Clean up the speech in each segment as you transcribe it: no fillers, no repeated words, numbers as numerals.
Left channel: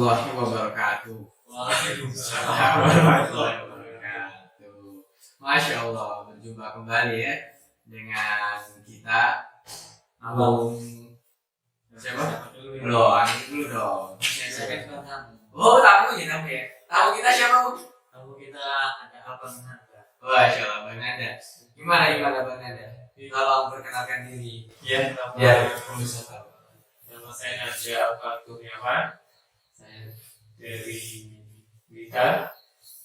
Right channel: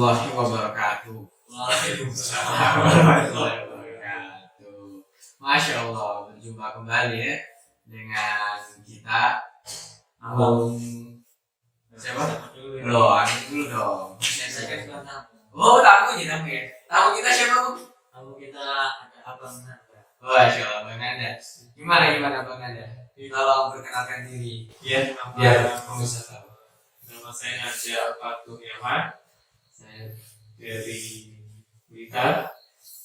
warahmatullahi wabarakatuh. Waalaikumsalam Warahmatullahi wabarakatuh. Masya Allah, berjumpa kembali ya dengan kita. Siapa? Loh, ini dulu dong. Oh, tamu aja tamu ya. Tamu kita siapa, Bu? Tamu kita ada Abang Nanda. Masya Allah, Bang Nanda. Gimana Bang Nanda? Tolong perkenalkan diri. Ya, Biar pemirsa tahu. nama saya Naja Kurniawan. Saya dari Blitar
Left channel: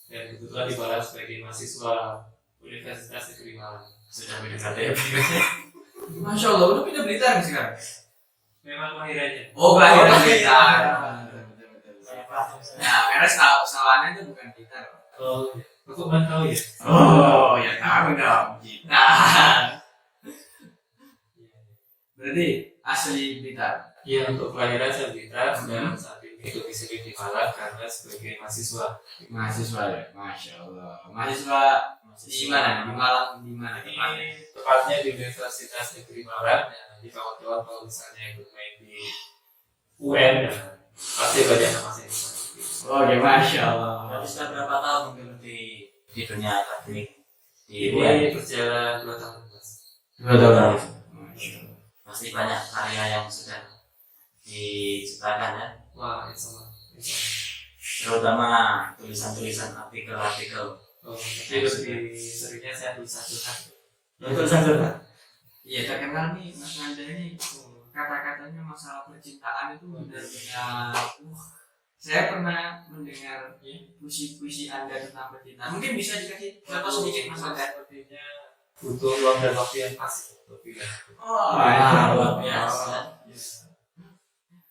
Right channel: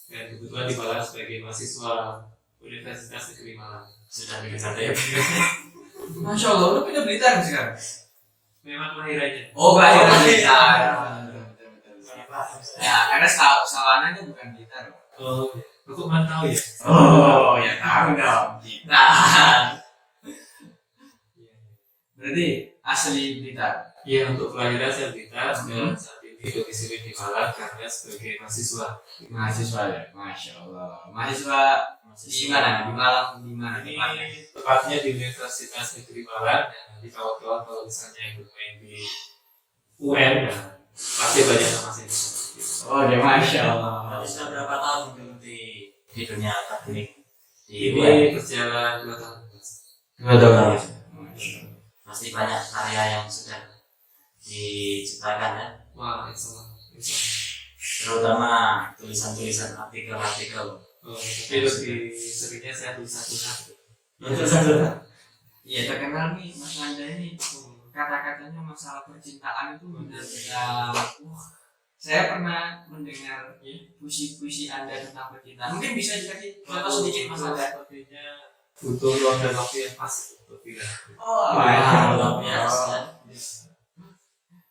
dan kebetulan dibalas sebagai mahasiswa Universitas Negeri Malang. Sudah PDKT ya? Masya Allah, lu pindah Blitar sekarang? Memang kelahirannya. Oh, kelahiran Blitar. Banyak Ya, karena sawananya bukan Blitar. Oh, aku mana tahu ya? Oh, ya tahu dong kita. Berarti asli Blitar. Iya, untuk kelahiran saya Blitar dan saat ini domisili di Malang karena sebagai mahasiswa. Mahasiswa ya, Masya Allah. Mahasiswa di mana? Di Malang, di mana tempatnya? Ini tepatnya di Universitas Negeri Malang dan nanti kawan-kawan kalau misalnya yang bermain di UN pasti banyak nama saya. Oke, Masya Allah. Berarti sudah berapa tahun menggeluti di dunia akademik? Ini berjalan 2 tahun. Dua tahun. Pasti banyak karya yang sudah diciptakan ya, Wah, sama. terutama tulisan-tulisan artikel-artikel. Oh, tapi lebih seringnya saya tulis satu-satu. Tulisan-tulisan. Iya, terkenal nih Mas Nanda ini. Kata-katanya masalah percintaan itu benar-benar. Saya pernah mendengar puisi-puisi Anda tentang percintaan. Mungkin bisa dikasih contoh sedikit Mas Nanda. Sepertinya butuh ruang dan waktu yang pas untuk bilang. Oh, Luar biasa.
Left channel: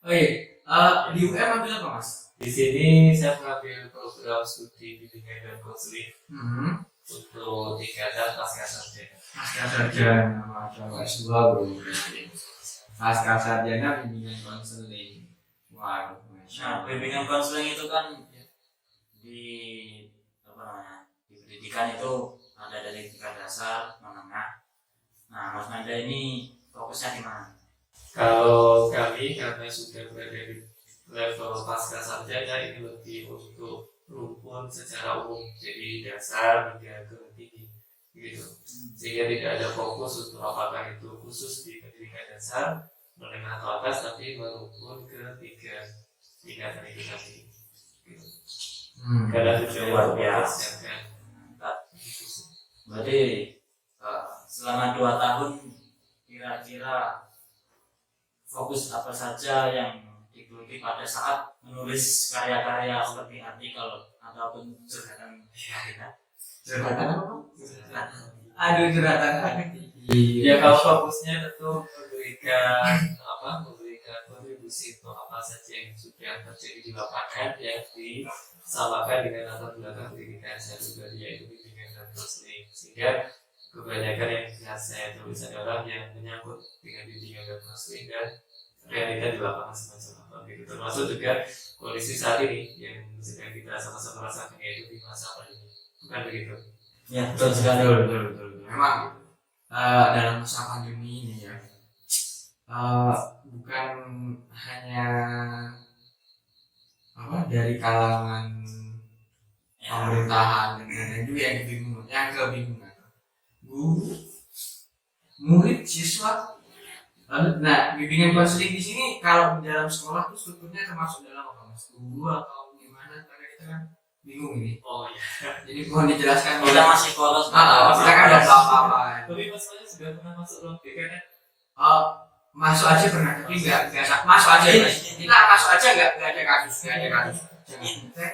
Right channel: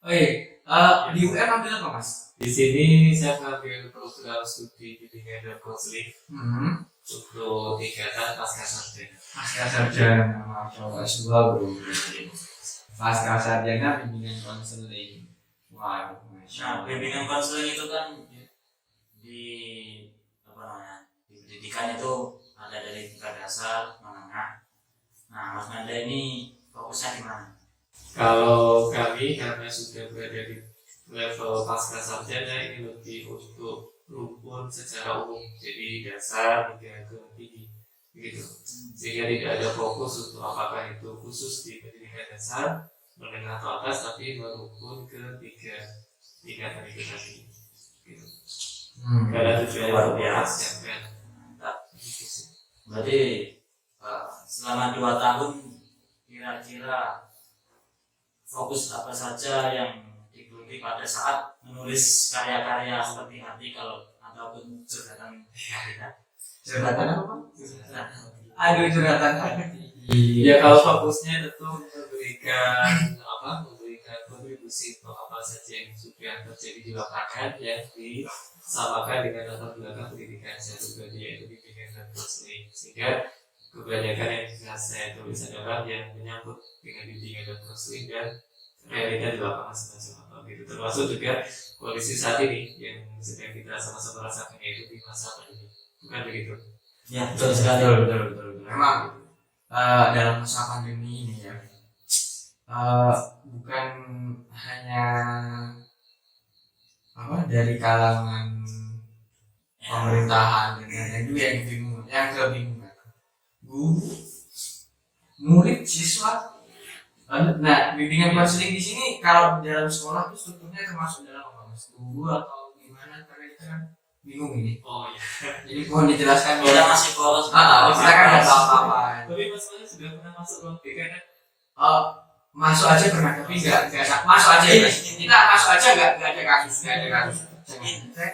Oh iya, di UM ambil apa Mas? Di sini saya mengambil program studi bimbingan dan konseling untuk tingkatan pasca sarjana. Pasca sarjana, Masya Allah, S2 bro. Pasca sarjana bimbingan konseling. Waduh, Masya Nah, Allah. bimbingan konseling itu kan di apa namanya, di pendidikan itu ada dari tingkat dasar, menengah. Nah, Mas Nanda ini fokusnya di mana? Kalau kami karena sudah berada di level pasca sarjana ini lebih untuk rumpun secara umum, jadi dasar hingga ke tinggi, gitu. Sehingga tidak ada fokus untuk apakah itu khusus di pendidikan dasar, menengah atau atas, tapi merumpun ke 3 tingkatan itu tadi. Gitu. Karena tujuannya Luar untuk biasa. mempersiapkan. Berarti selama 2 tahun kira-kira fokus apa saja yang digeluti pada saat menulis karya-karya seperti artikel ataupun curhatan kita? Curhatan apa Pak? Curhatan. Aduh, curhatan. Ya kalau fokusnya tentu memberikan kontribusi untuk apa saja yang sudah terjadi di lapangan yang disamakan dengan latar belakang pendidikan saya pribadi, yaitu bimbingan dan konseling. Sehingga kebanyakan yang bisa saya tulis adalah yang menyangkut dengan bimbingan dan konseling dan realita di lapangan semacam apa gitu, termasuk juga kondisi saat ini yang sedang kita sama-sama rasakan, yaitu di masa pandemi, bukan begitu? Ya, betul sekali. Betul. Memang dalam masa pandemi ini ya, bukan hanya dari kalangan pemerintahan dan lain-lain juga yang kebingungan. Guru, murid, siswa. Nah, bimbingan konseling di sini kalau di dalam sekolah tuh strukturnya termasuk dalam apa Mas? Guru atau gimana? Karena kita kan bingung ini. Oh iya. Jadi mohon dijelaskan. Kita masih polos. Kita kan nggak tahu apa-apa. Tapi masalahnya sudah pernah masuk ruang BK kan? Masuk aja pernah, tapi nggak masuk aja. Kita masuk aja nggak ada kasus. Saya kan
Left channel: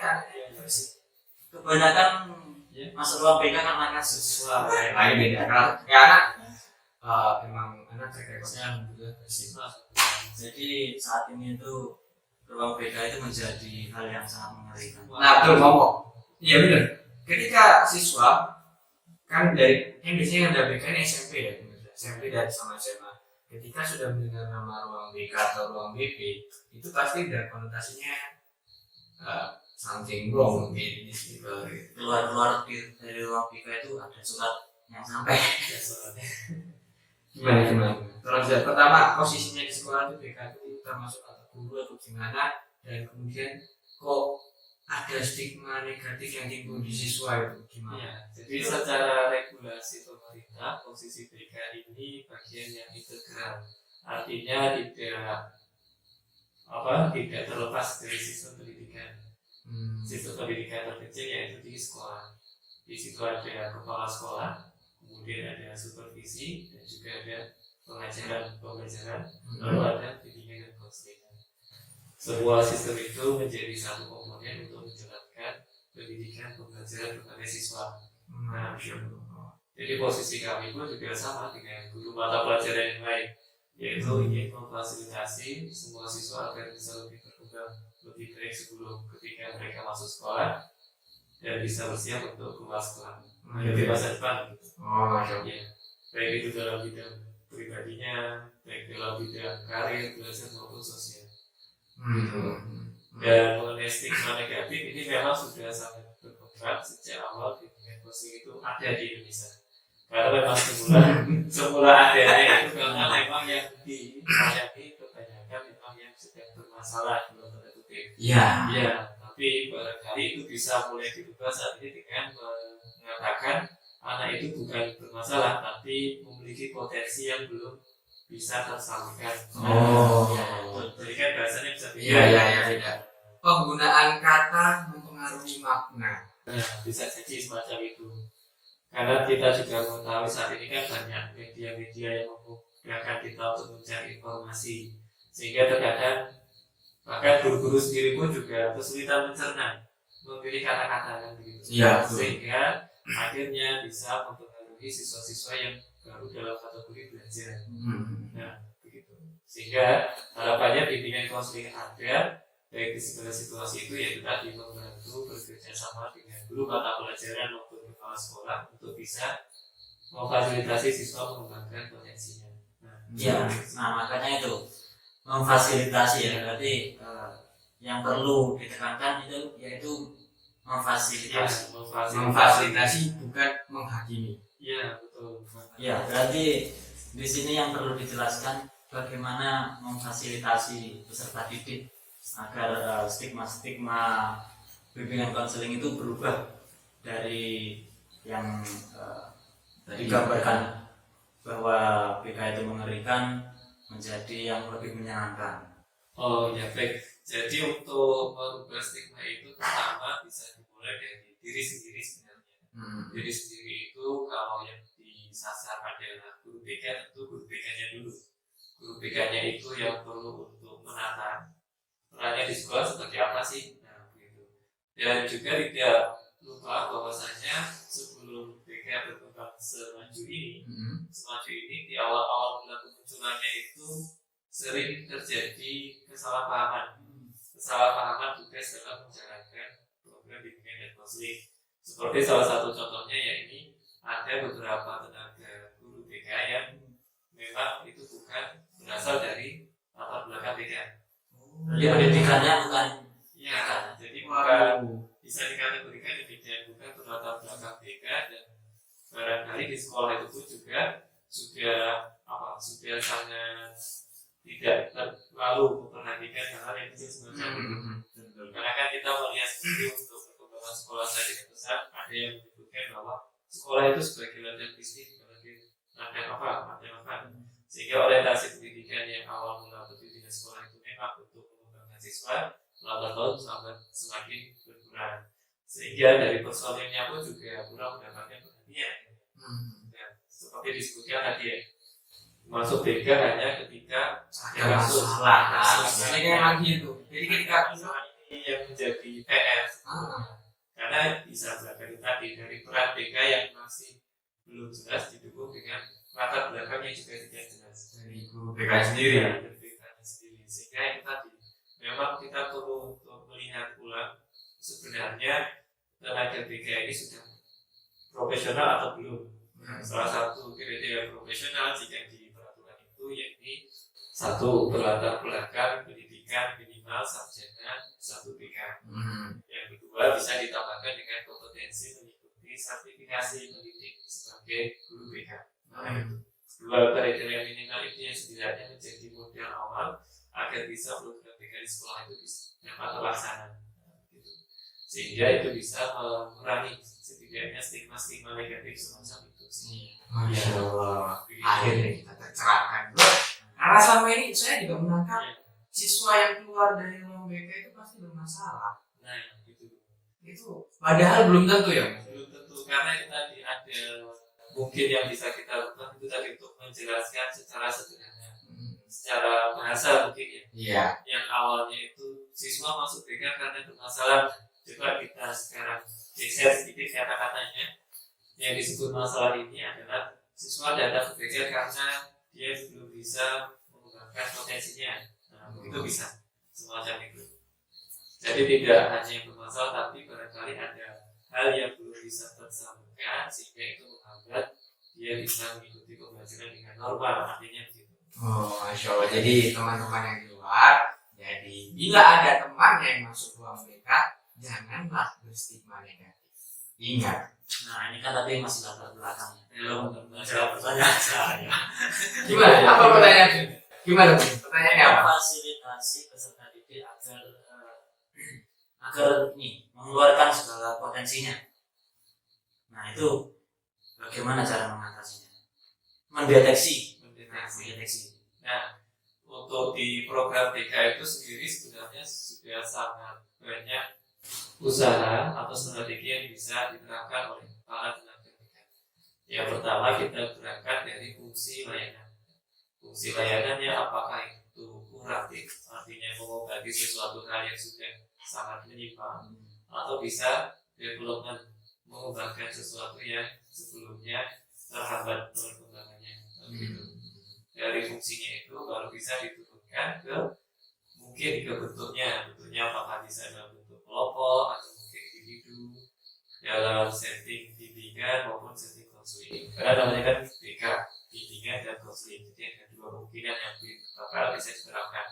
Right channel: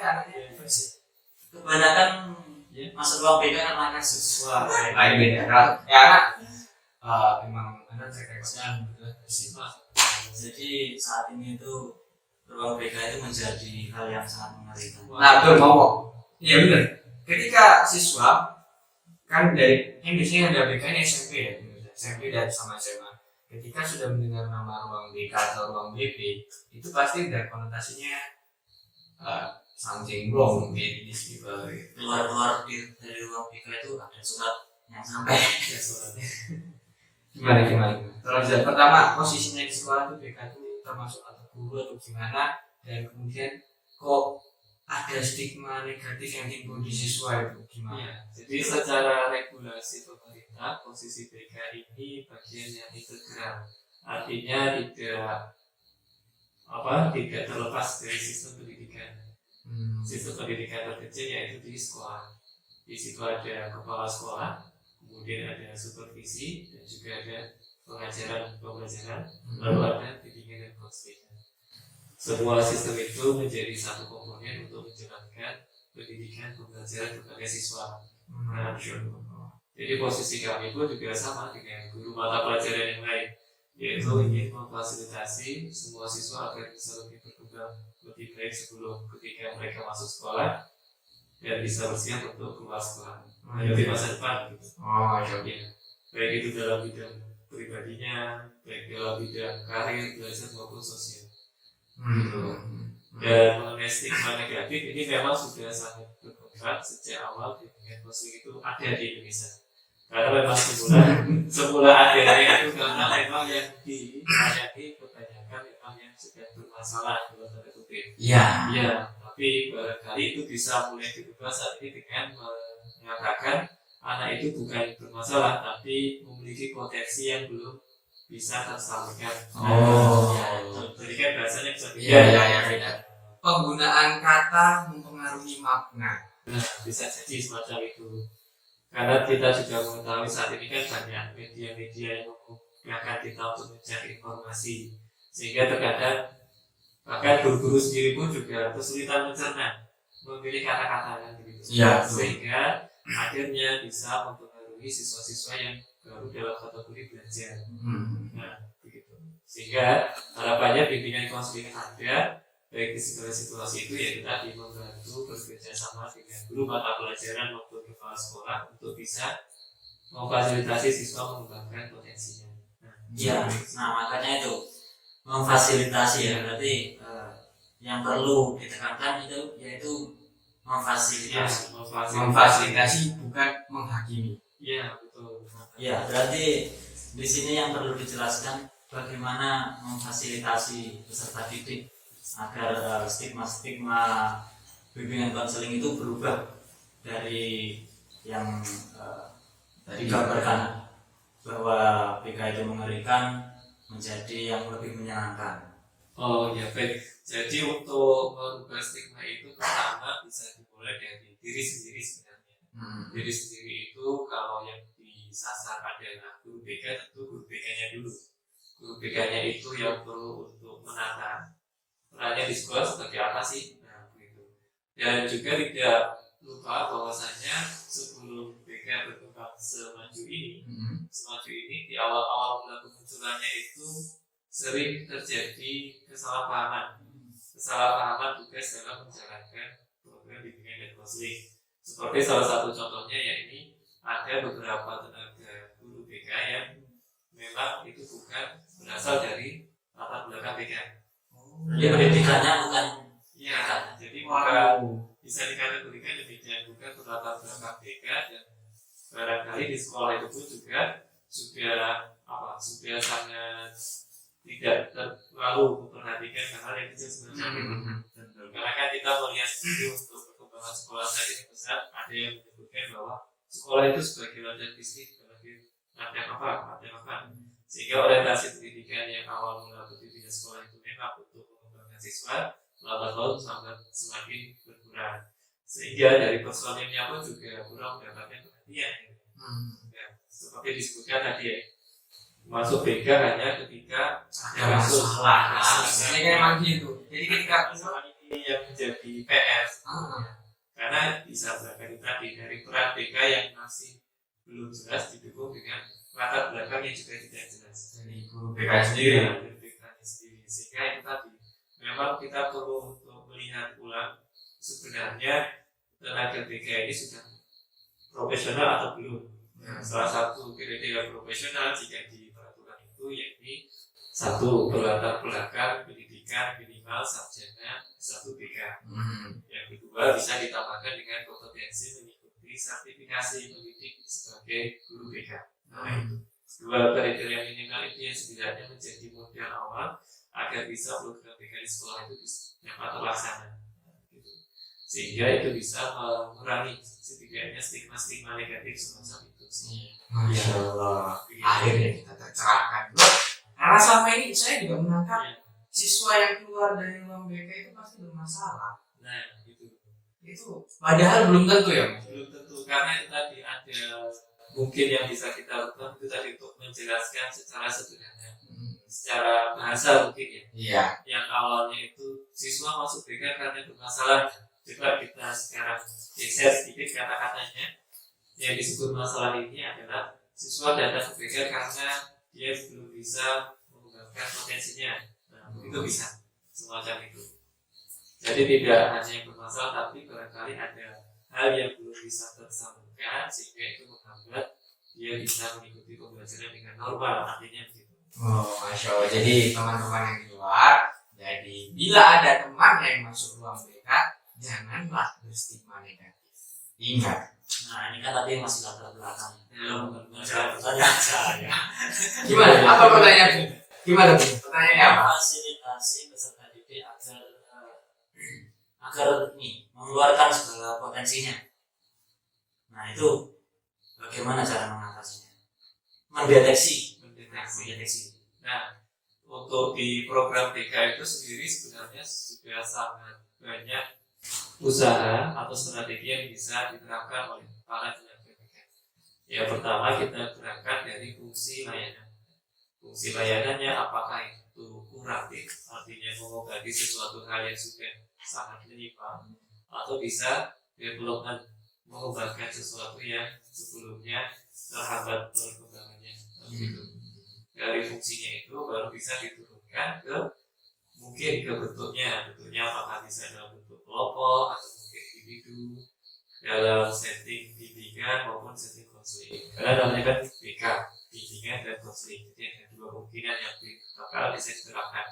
anaknya bersih. Kebanyakan masuk ruang BK karena kasus. Wah, ini beda. Karena emang anak rekodnya alhamdulillah bersih. Jadi saat ini itu ruang BK itu menjadi hal yang sangat mengerikan. Nah betul, ngomong. Iya benar. Ketika siswa kan dari yang biasanya ada BK ini SMP ya, SMP dan sama SMA. Ketika sudah mendengar nama ruang BK atau ruang BP, itu pasti udah konotasinya something wrong gitu. Keluar dari ruang BK itu ada surat yang sampai. Gimana? Tolong jelas. Pertama, posisinya di sekolah itu BK itu termasuk atau guru atau gimana, dan kemudian kok ada stigma negatif yang timbul di siswa itu gimana? Ya, jadi secara regulasi pemerintah posisi BK ini bagian yang integral, artinya tidak terlepas dari sistem pendidikan. Sistem pendidikan terkecil yaitu di sekolah. Di situ ada kepala sekolah, kemudian ada supervisi dan juga ada pembelajaran, lalu ada bimbingan dan konseling. Semua sistem itu menjadi satu komponen untuk menjalankan pendidikan pembelajaran kepada siswa. Nah, jadi posisi kami pun juga sama dengan guru mata pelajaran yang lain, yaitu ingin memfasilitasi semua siswa agar bisa lebih berkembang lebih baik sebelum ketika mereka masuk sekolah dan bisa bersiap untuk keluar sekolah menghadapi masa depan gitu. Ya, baik itu dalam bidang pribadinya, baik dalam bidang karir, belajar maupun sosial. Dan mengenai stigma negatif ini memang sudah sangat berkembang sejak awal bimbingan konseling itu ada di Indonesia. Karena memang semula adanya itu karena memang yang dilayani kebanyakan memang yang sedang bermasalah dalam tanda kutip. Ya, tapi barangkali itu bisa mulai dirubah saat ini dengan mengatakan anak itu bukan bermasalah tapi memiliki potensi yang belum bisa tersalurkan. Jadi kan bahasanya bisa beda. Penggunaan kata mempengaruhi makna. Nah, bisa jadi semacam itu. Karena kita juga mengetahui saat ini kan banyak media-media yang memudahkan kita untuk mencari informasi, sehingga terkadang bahkan guru-guru sendiri pun juga kesulitan mencerna memilih kata-kata kan begitu. Sehingga akhirnya bisa mempengaruhi siswa-siswa yang baru dalam kategori belajar. Nah, begitu. Sehingga harapannya bimbingan konseling ada baik di segala situasi itu yaitu tadi membantu bekerja sama dengan guru mata pelajaran maupun kepala sekolah untuk bisa memfasilitasi siswa mengembangkan potensinya. Makanya itu memfasilitasi ya, berarti yang perlu ditekankan itu yaitu memfasilitasi. Memfasilitasi bukan menghakimi. Iya, betul. Ya, berarti di sini yang perlu dijelaskan bagaimana memfasilitasi peserta didik agar stigma-stigma bimbingan konseling itu berubah dari yang digambarkan bahwa BK itu mengerikan menjadi yang lebih menyenangkan. Oh ya, baik. Jadi untuk merubah stigma itu pertama bisa dimulai dari diri sendiri sebenarnya. Diri sendiri itu kalau yang disasar adalah guru BK, tentu guru BK-nya dulu. Guru BK-nya itu yang perlu untuk menata perannya di sekolah seperti apa sih. Nah, begitu. Dan juga tidak lupa bahwasanya sebelum BK berkembang semaju ini di awal-awal mula kemunculannya itu sering terjadi kesalahpahaman tugas dalam menjalankan program bimbingan dan konseling. Seperti salah satu contohnya yakni ada beberapa tenaga guru BK yang memang itu bukan berasal dari latar belakang BK. Pendidikannya bukan jadi bukan bisa dikategorikan demikian, bukan berlatar belakang BK, dan barangkali di sekolah itu pun juga sudah sangat tidak terlalu memperhatikan hal yang kecil semacam itu. Karena kan kita melihat sendiri untuk perkembangan sekolah saat ini besar, ada yang menyebutkan bahwa sekolah itu sebagai ladang bisnis, sebagai ladang apa, sehingga orientasi pendidikan yang awal mula pendidikan sekolah itu memang untuk mengembangkan siswa, lambat laun semakin berkurang, sehingga dari personilnya pun juga kurang mendapatkan perhatian. Seperti disebutkan tadi ya, masuk BK hanya ketika ada masalah. Ini kan memang gitu. Jadi ketika ini yang menjadi PR, karena bisa berkali tadi dari peran BK yang masih belum jelas didukung dengan latar belakang yang juga tidak jelas dari guru BK sendiri. Sehingga itu tadi memang kita perlu untuk melihat ulang sebenarnya tenaga BK ini sudah profesional atau belum. Salah satu kriteria profesional jika di peraturan itu yakni satu berlatar belakang pendidikan minimal sarjana S1 BK. Yang kedua bisa ditambahkan dengan kompetensi mengikuti sertifikasi pendidik sebagai guru BK. Itu dua kriteria minimal itu yang setidaknya menjadi modal awal agar bisa program BK di sekolah itu dapat terlaksana. sehingga itu bisa mengurangi setidaknya stigma-stigma negatif semacam itu sih. Masya Allah. Begitu. Akhirnya kita tercerahkan. Karena selama ini saya juga menangkap Ya. siswa yang keluar dari ruang BK itu pasti bermasalah. Nah, itu Padahal belum tentu ya. belum tentu, karena itu tadi ada mungkin yang bisa kita lakukan itu tadi untuk menjelaskan secara sederhana, secara bahasa mungkin ya. Iya. Yang awalnya itu siswa masuk BK karena bermasalah, coba kita sekarang geser sedikit kata-katanya. Yang disebut masalah ini adalah siswa datang ke BK karena dia belum bisa mengembangkan potensinya. Nah, itu bisa semacam itu. Jadi tidak hanya yang bermasalah, tapi barangkali ada hal yang belum bisa tersalurkan sehingga itu menghambat dia bisa mengikuti pembelajaran dengan normal, artinya begitu. Oh, Masya Allah. Jadi teman-teman yang di luar, jadi bila ada teman yang masuk ruang BK, janganlah berstigma negatif. Ingat. Nah ini kan tadi masih latar belakangnya, belum menjawab pertanyaan saya. Gimana? Apa pertanyaannya? Gimana Bu? Pertanyaannya apa? Fasilitasi peserta didik agar ini mengeluarkan segala potensinya. Nah itu bagaimana cara mengatasinya? Mendeteksi. Nah, untuk di program TK itu sendiri sebenarnya sudah sangat banyak usaha atau strategi yang bisa diterapkan oleh para tenaga pendidikan. Yang pertama kita berangkat dari fungsi layanan. Fungsi layanannya apakah itu kuratif, artinya mengobati sesuatu hal yang sudah sangat menyimpang, atau bisa development, mengembangkan sesuatu yang sebelumnya terhambat perkembangannya. Dari fungsinya itu baru bisa diturunkan ke mungkin ke bentuknya apakah bisa dalam bentuk kelompok atau mungkin individu dalam setting bimbingan maupun setting konseling. Karena namanya kan BK, bimbingan dan konseling, jadi ada dua kemungkinan yang bisa diterapkan.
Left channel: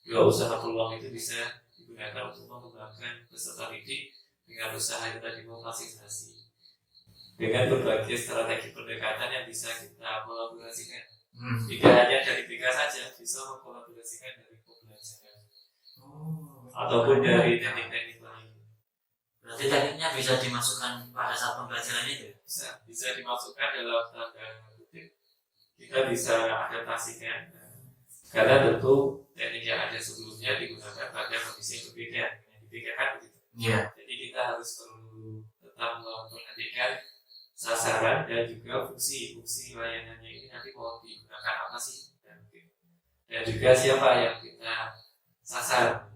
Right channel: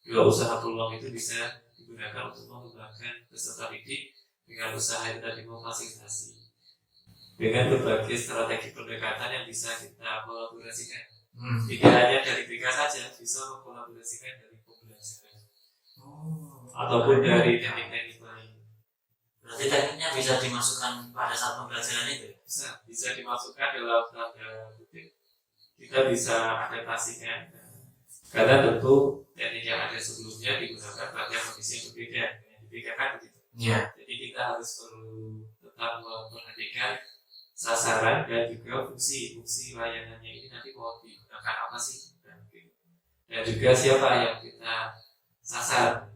Dua usaha peluang itu bisa digunakan untuk mengembangkan peserta didik dengan usaha yang tadi memfasilitasi dengan berbagai strategi pendekatan yang bisa kita kolaborasikan. Tidak hanya dari BK saja, bisa mengkolaborasikan dari pembelajaran ataupun dari teknik-teknik lain. Berarti tekniknya bisa dimasukkan pada saat pembelajaran itu? Bisa dimasukkan dalam tanda kutip. Kita bisa adaptasikan, karena tentu teknik yang ada sebelumnya digunakan pada kondisi yang berbeda. Yang dibedakan begitu. Jadi kita harus perlu tetap memperhatikan sasaran dan juga fungsi layanannya ini nanti mau digunakan apa sih, dan juga siapa yang kita sasar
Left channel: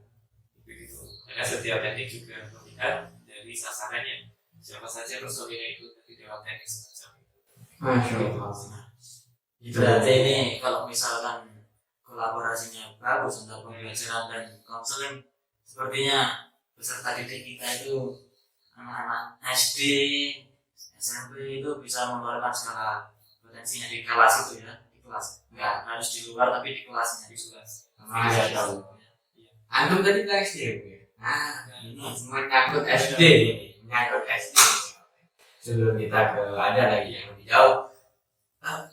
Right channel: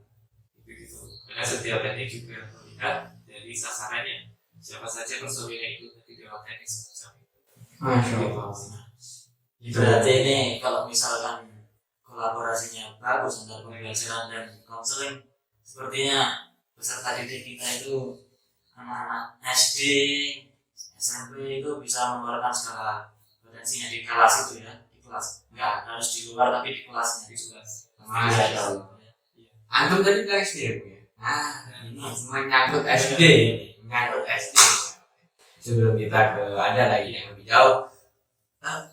begitu. Karena setiap teknik juga melihat dari sasarannya, siapa saja personil yang ikut nanti dalam teknik semacam itu. Masya Allah. Berarti ini kalau misalkan kolaborasinya bagus antara pembelajaran dan konseling, sepertinya peserta didik kita itu anak-anak SD, SMP itu bisa mengeluarkan segala potensinya di kelas itu ya, di kelas. Enggak harus di luar tapi di kelasnya, di kelas. Masya Allah. Antum tadi bilang SD ya Bu ya? Ini menyangkut SD. Sebelum kita ke ada lagi yang lebih jauh,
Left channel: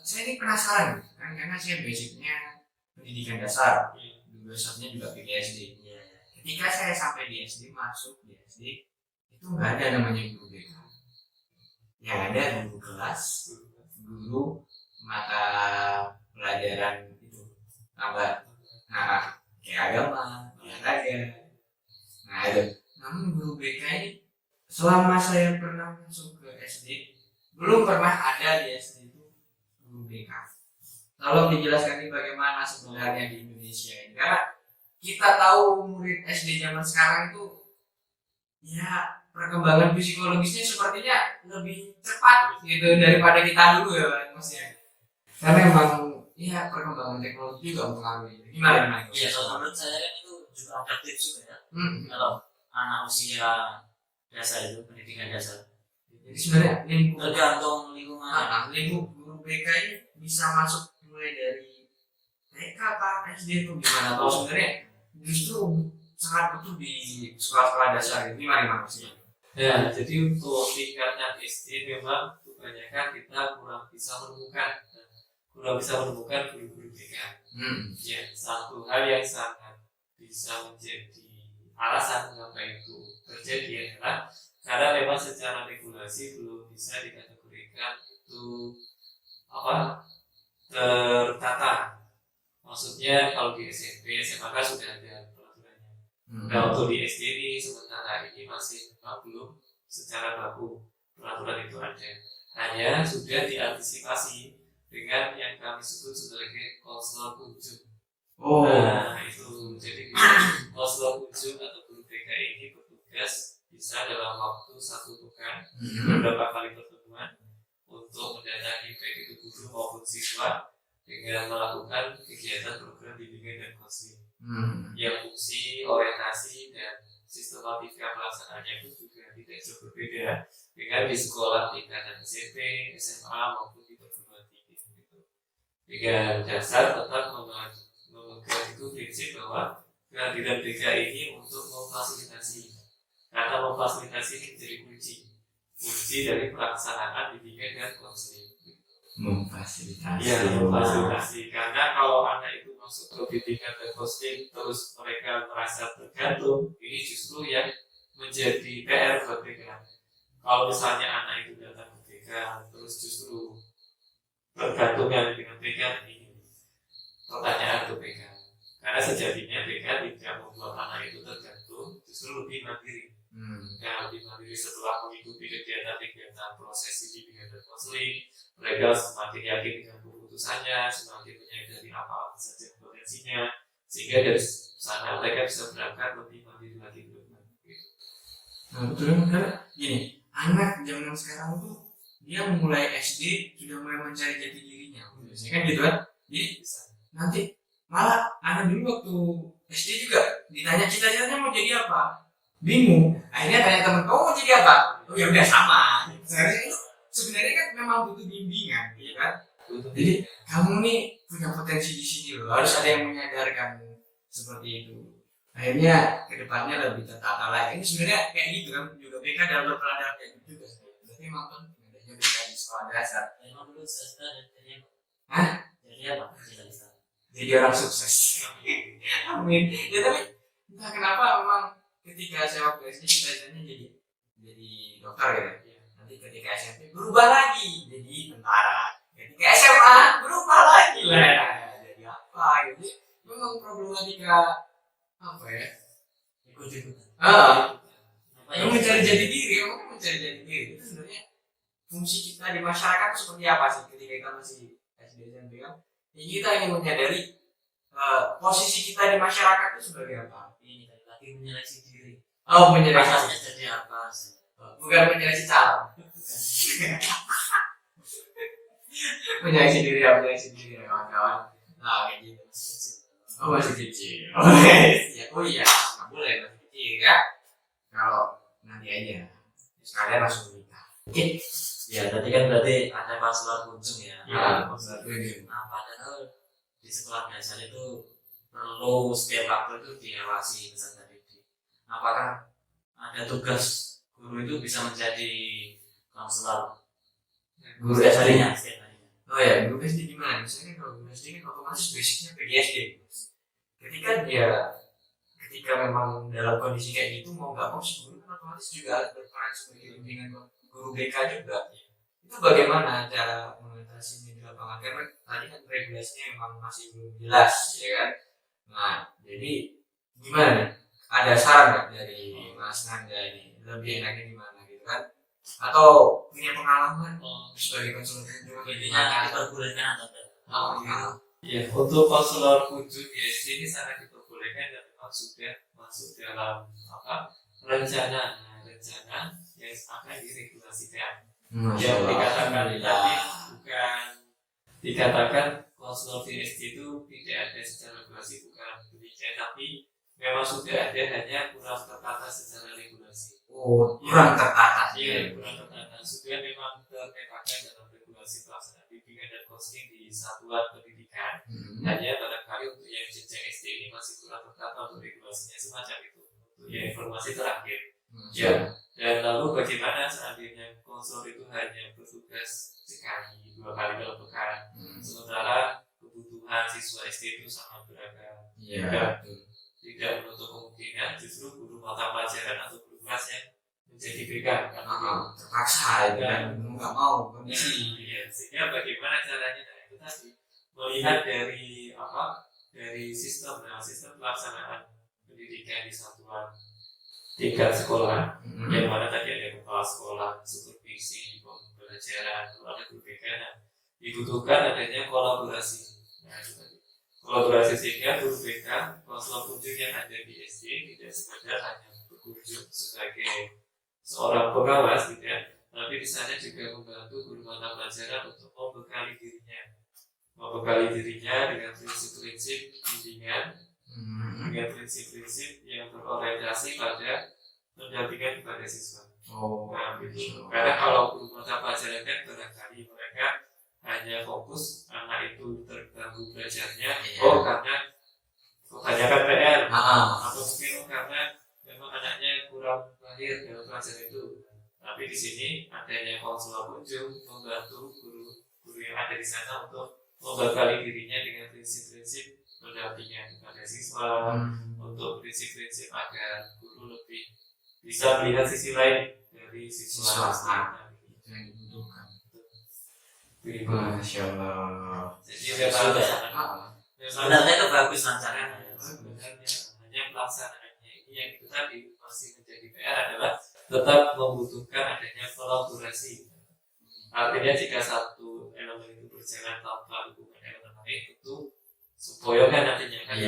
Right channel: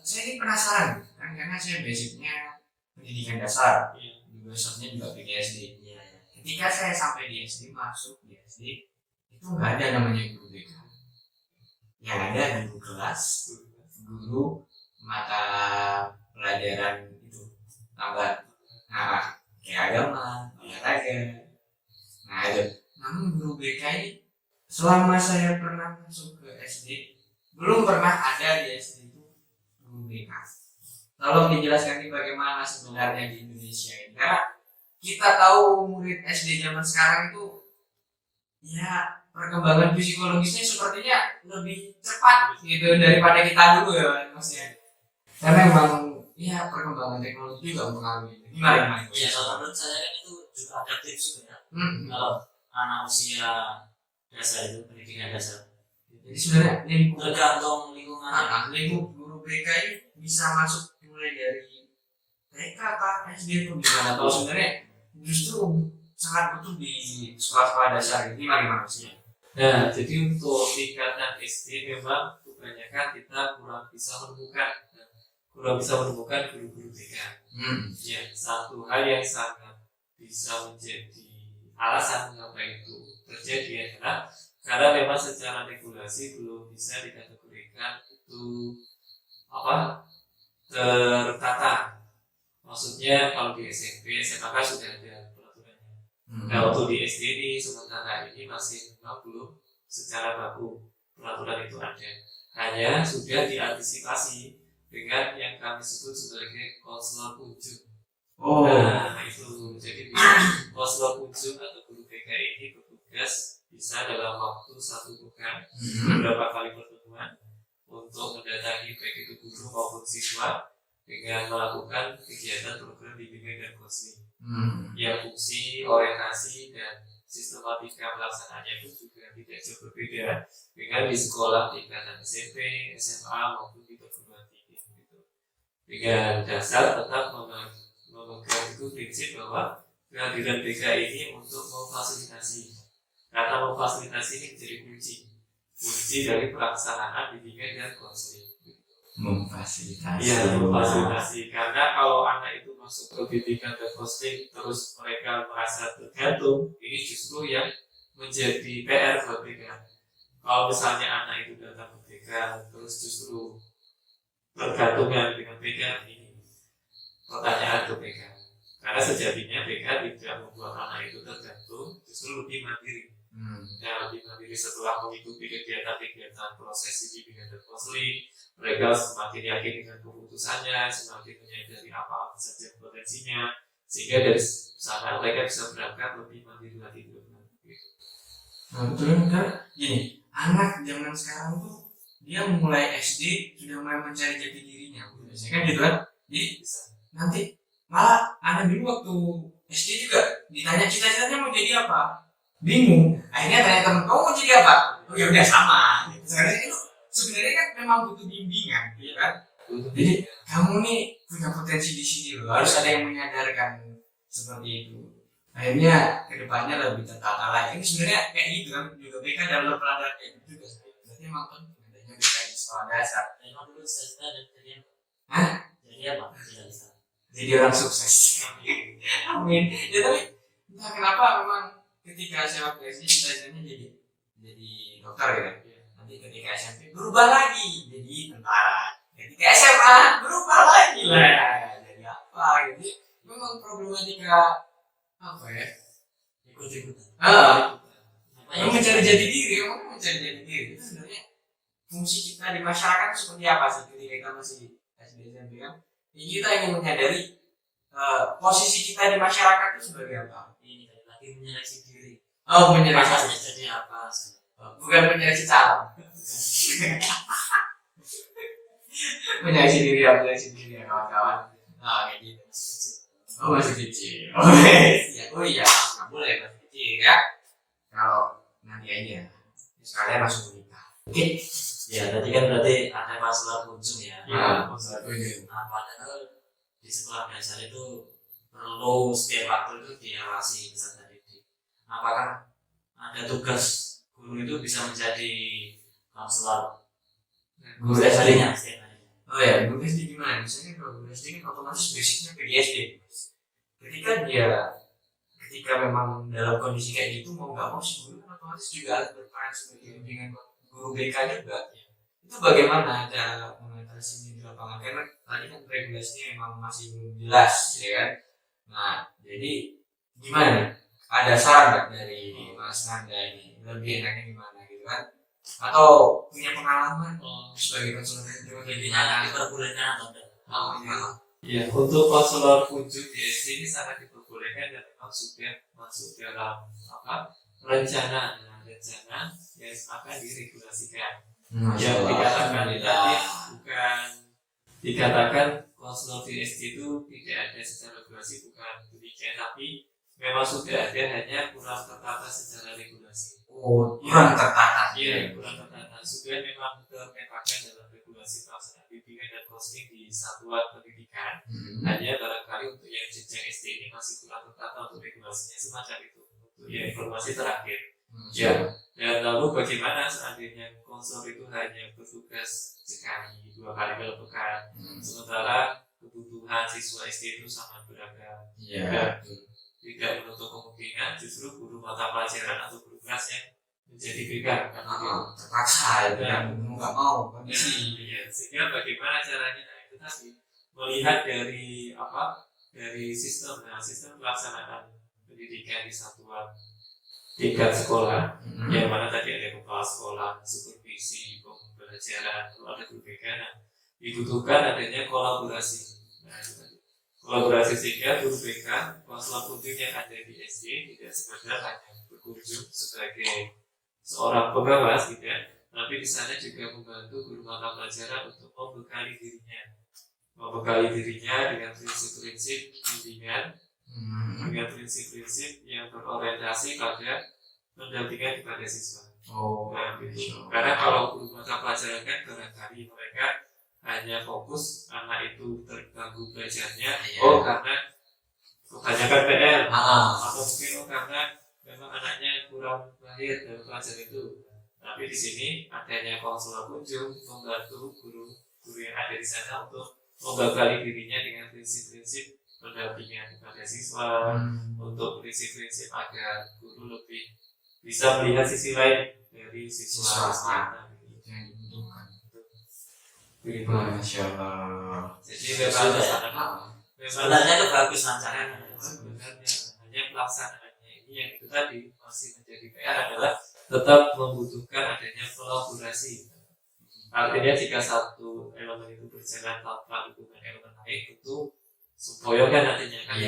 saya ini penasaran kan, karena saya basicnya pendidikan dasar, basicnya juga PGSD. Ketika saya sampai di SD, masuk di SD, itu nggak ada namanya guru BK. Yang ada guru kelas, guru mata pelajaran itu tambah, kayak agama, olahraga. Nah itu. Namun guru BK ini selama saya pernah masuk ke SD, belum pernah ada di SD itu guru BK. Tolong dijelaskan bagaimana sebenarnya di Indonesia ini, karena kita tahu murid SD zaman sekarang itu ya perkembangan psikologisnya sepertinya lebih cepat gitu daripada kita dulu ya Mas ya. Karena memang ya perkembangan teknologi juga mempengaruhi. Gimana? Iya, kalau menurut saya kan itu juga adaptif juga ya. Kalau anak usia dasar itu pendidikan dasar. Jadi sebenarnya tergantung lingkungannya. Lingkup guru BK ini bisa masuk mulai dari TK apa SD itu gimana? Atau sebenarnya justru sangat butuh di sekolah-sekolah dasar gitu. Gimana maksudnya? Nah, jadi untuk tingkatan SD memang kebanyakan kita kurang bisa menemukan guru-guru BK. Ya, satu hal yang sangat bisa menjadi alasan mengapa itu terjadi adalah karena memang secara regulasi belum bisa dikategorikan itu tertata. Maksudnya kalau di SMP, SMA kan sudah ada peraturannya. Nah untuk di SD ini sementara ini masih memang belum secara baku peraturan itu ada. Hanya sudah diantisipasi dengan yang kami sebut sebagai konselor ujung. Nah itu jadi konselor ujung atau guru BK ini bertugas bisa dalam waktu 1 pekan beberapa kali pertemuan untuk mendatangi baik itu guru maupun siswa dengan melakukan kegiatan program bimbingan dan konseling yang fungsi, orientasi, dan sistematika pelaksanaannya pun juga tidak jauh berbeda dengan di sekolah tingkatan SMP, SMA maupun di perguruan tinggi gitu. Dengan dasar tetap memegang itu prinsip bahwa kehadiran BK ini untuk memfasilitasi, karena memfasilitasi ini menjadi kunci dari pelaksanaan bimbingan dan konseling. Memfasilitasi. Iya, memfasilitasi. Karena kalau anak itu masuk ke bimbingan dan konseling terus mereka merasa tergantung, ini justru yang menjadi PR buat BK. Kalau misalnya anak itu datang ke BK terus justru tergantungkan dengan BK, ini pertanyaan ke BK. Karena sejatinya BK tidak membuat anak itu tergantung, justru lebih mandiri. Yang lebih mandiri setelah mengikuti kegiatan-kegiatan prosesi bimbingan dan konseling, mereka semakin yakin dengan keputusannya, semakin menyadari apa saja potensinya, sehingga dari sana mereka bisa berangkat lebih mandiri lagi ke depan. Nah betul kan, gini, anak zaman sekarang tuh dia mulai SD sudah mulai mencari jati dirinya, biasanya kan gitu kan. Jadi nanti malah anak dulu waktu SD juga ditanya cita-citanya mau jadi apa, bingung. Akhirnya tanya temen, kamu mau jadi apa? Oh ya udah sama. Sebenarnya itu sebenarnya kan memang butuh bimbingan, ya kan? Jadi kamu nih punya potensi di sini loh, harus ada yang menyadarkan seperti itu. Akhirnya kedepannya lebih tertata lagi. Ini sebenarnya kayak gitu kan, juga BK dalam berpelajaran kayak gitu juga. Berarti emang penting adanya BK di sekolah dasar. Memang dulu saya jadi apa? Hah? Jadi apa? Cita-cita. Jadi orang sukses. Amin. Ya tapi entah kenapa memang ketika saya waktu SD cita-citanya jadi dokter ya. Nanti ketika SMP berubah lagi jadi tentara. Ketika SMA berubah lagi lah jadi apa gitu. Memang problematika apa ya? Ikut-ikutan. Mencari jati diri, memang mencari jati diri itu sebenarnya fungsi kita di masyarakat seperti apa sih ketika kita masih SD SMP kan? Ya, kita ingin menyadari posisi kita di masyarakat itu sebagai apa? Ini lagi menyeleksi diri. Oh, menyeleksi. Pasarnya jadi apa sih? Bukan menyeleksi calon. Menyeleksi diri ya kawan-kawan. Nah kayak gitu. Oh masih kecil. Oh iya, nggak boleh masih kecil ya. Kalau nanti aja, sekalian langsung menikah. Oke. Ya, tadi kan berarti ada konselor ujung ya. Iya, konselor ujung. Nah, padahal di sekolah dasar itu perlu setiap waktu itu diawasi peserta didik. Apakah ada tugas guru itu bisa menjadi konselor Guru SD-nya? setiap harinya? Oh ya, guru SD gimana? Misalnya kalau guru SD kan otomatis basicnya PGSD. Ketika memang dalam kondisi kayak gitu mau nggak mau si guru kan otomatis juga harus berperan sebagai bimbingan guru BK juga. Itu bagaimana cara mengatasinya di lapangan? Karena tadi kan regulasinya memang masih belum jelas, ya kan? Nah, jadi gimana nih? Ada saran nggak dari Mas Nanda ini? Lebih enaknya gimana gitu kan? Atau punya pengalaman sebagai konselor juga Intinya diperbolehkan atau tidak? Ya, untuk konselor ujung di SD ini sangat diperbolehkan dan memang sudah masuk dalam rencana yang akan diregulasikan. Yang dikatakan tadi dikatakan konselor di SD itu tidak ada secara regulasi, bukan demikian, tapi memang sudah ada, hanya kurang tertata secara regulasi. Oh, kurang tertata. Iya, kurang tertata. Sudah memang terpetakan dalam regulasi pelaksanaan bimbingan dan konseling di satuan pendidikan. Hanya barangkali untuk yang jenjang SD ini masih kurang tertata untuk regulasinya semacam itu. Untuk yang informasi terakhir. Ya. Dan lalu bagaimana seandainya konselor itu hanya bertugas sekali, 2 kali dalam pekan, sementara kebutuhan siswa SD itu sangat beragam. Iya. tidak menutup kemungkinan justru guru mata pelajaran atau guru kelas yang menjadi BK. Terpaksa itu kan mau nggak mau kondisi. Iya, sehingga bagaimana caranya? Nah, itu tadi melihat dari dari sistem pelaksanaan pendidikan di satuan tingkat sekolah, yang mana tadi ada kepala sekolah, supervisi, pembelajaran, lalu ada guru BK. Nah, dibutuhkan adanya kolaborasi. Nah, itu tadi kolaborasi sehingga guru BK, konselor kunjung yang ada di SD tidak sekedar hanya berkunjung sebagai seorang pengawas, tidak, tapi di sana juga membantu guru mata pelajaran untuk membekali dirinya dengan prinsip-prinsip bimbingan, dengan prinsip-prinsip yang berorientasi pada pendampingan kepada siswa. Nah, gitu. Karena kalau guru mata pelajaran kan barangkali mereka hanya fokus anak itu terganggu belajarnya, karena kebanyakan PR, atau mungkin karena memang anaknya kurang mahir dalam pelajaran itu. Tapi di sini adanya konselor kunjung membantu guru yang ada di sana untuk membekali dirinya dengan prinsip-prinsip pendampingan kepada siswa, untuk prinsip-prinsip agar guru lebih bisa melihat sisi lain dari siswa. Yang dibutuhkan. Masya Allah. Jadi memang sebenarnya itu bagus rancangannya. Sebenarnya hanya pelaksanaannya ini yang itu tadi masih menjadi PR adalah tetap membutuhkan adanya kolaborasi. Artinya jika satu elemen itu berjalan tanpa dukungan elemen lain, tentu semboyongan nantinya kan.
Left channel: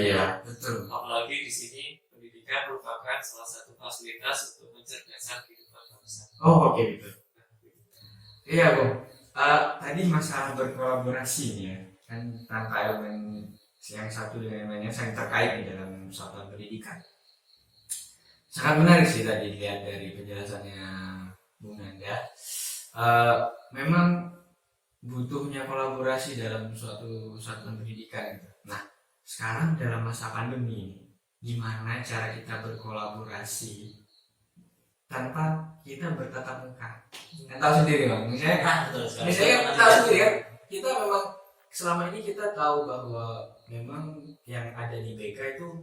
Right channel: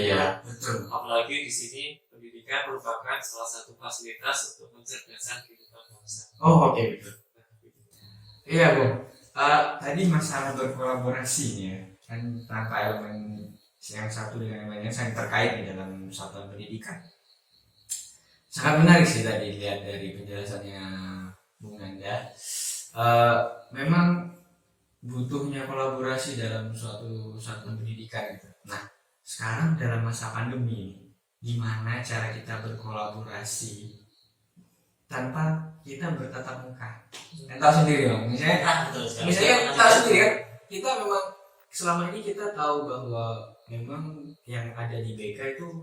Betul. Apalagi di sini pendidikan merupakan salah satu fasilitas untuk mencerdaskan kehidupan bangsa. Oke, betul. Iya, Bung. Tadi masalah berkolaborasi nih ya, kan tanpa elemen yang satu dengan elemen yang saling terkait di dalam satuan pendidikan. Sangat menarik sih tadi lihat dari penjelasannya Bung Nanda. Memang butuhnya kolaborasi dalam suatu satuan pendidikan gitu. Nah, sekarang dalam masa pandemi, gimana cara kita berkolaborasi tanpa kita bertatap muka? Kan tahu sendiri Bang, misalnya kan tahu sendiri kan, kita memang selama ini kita tahu bahwa memang yang ada di BK itu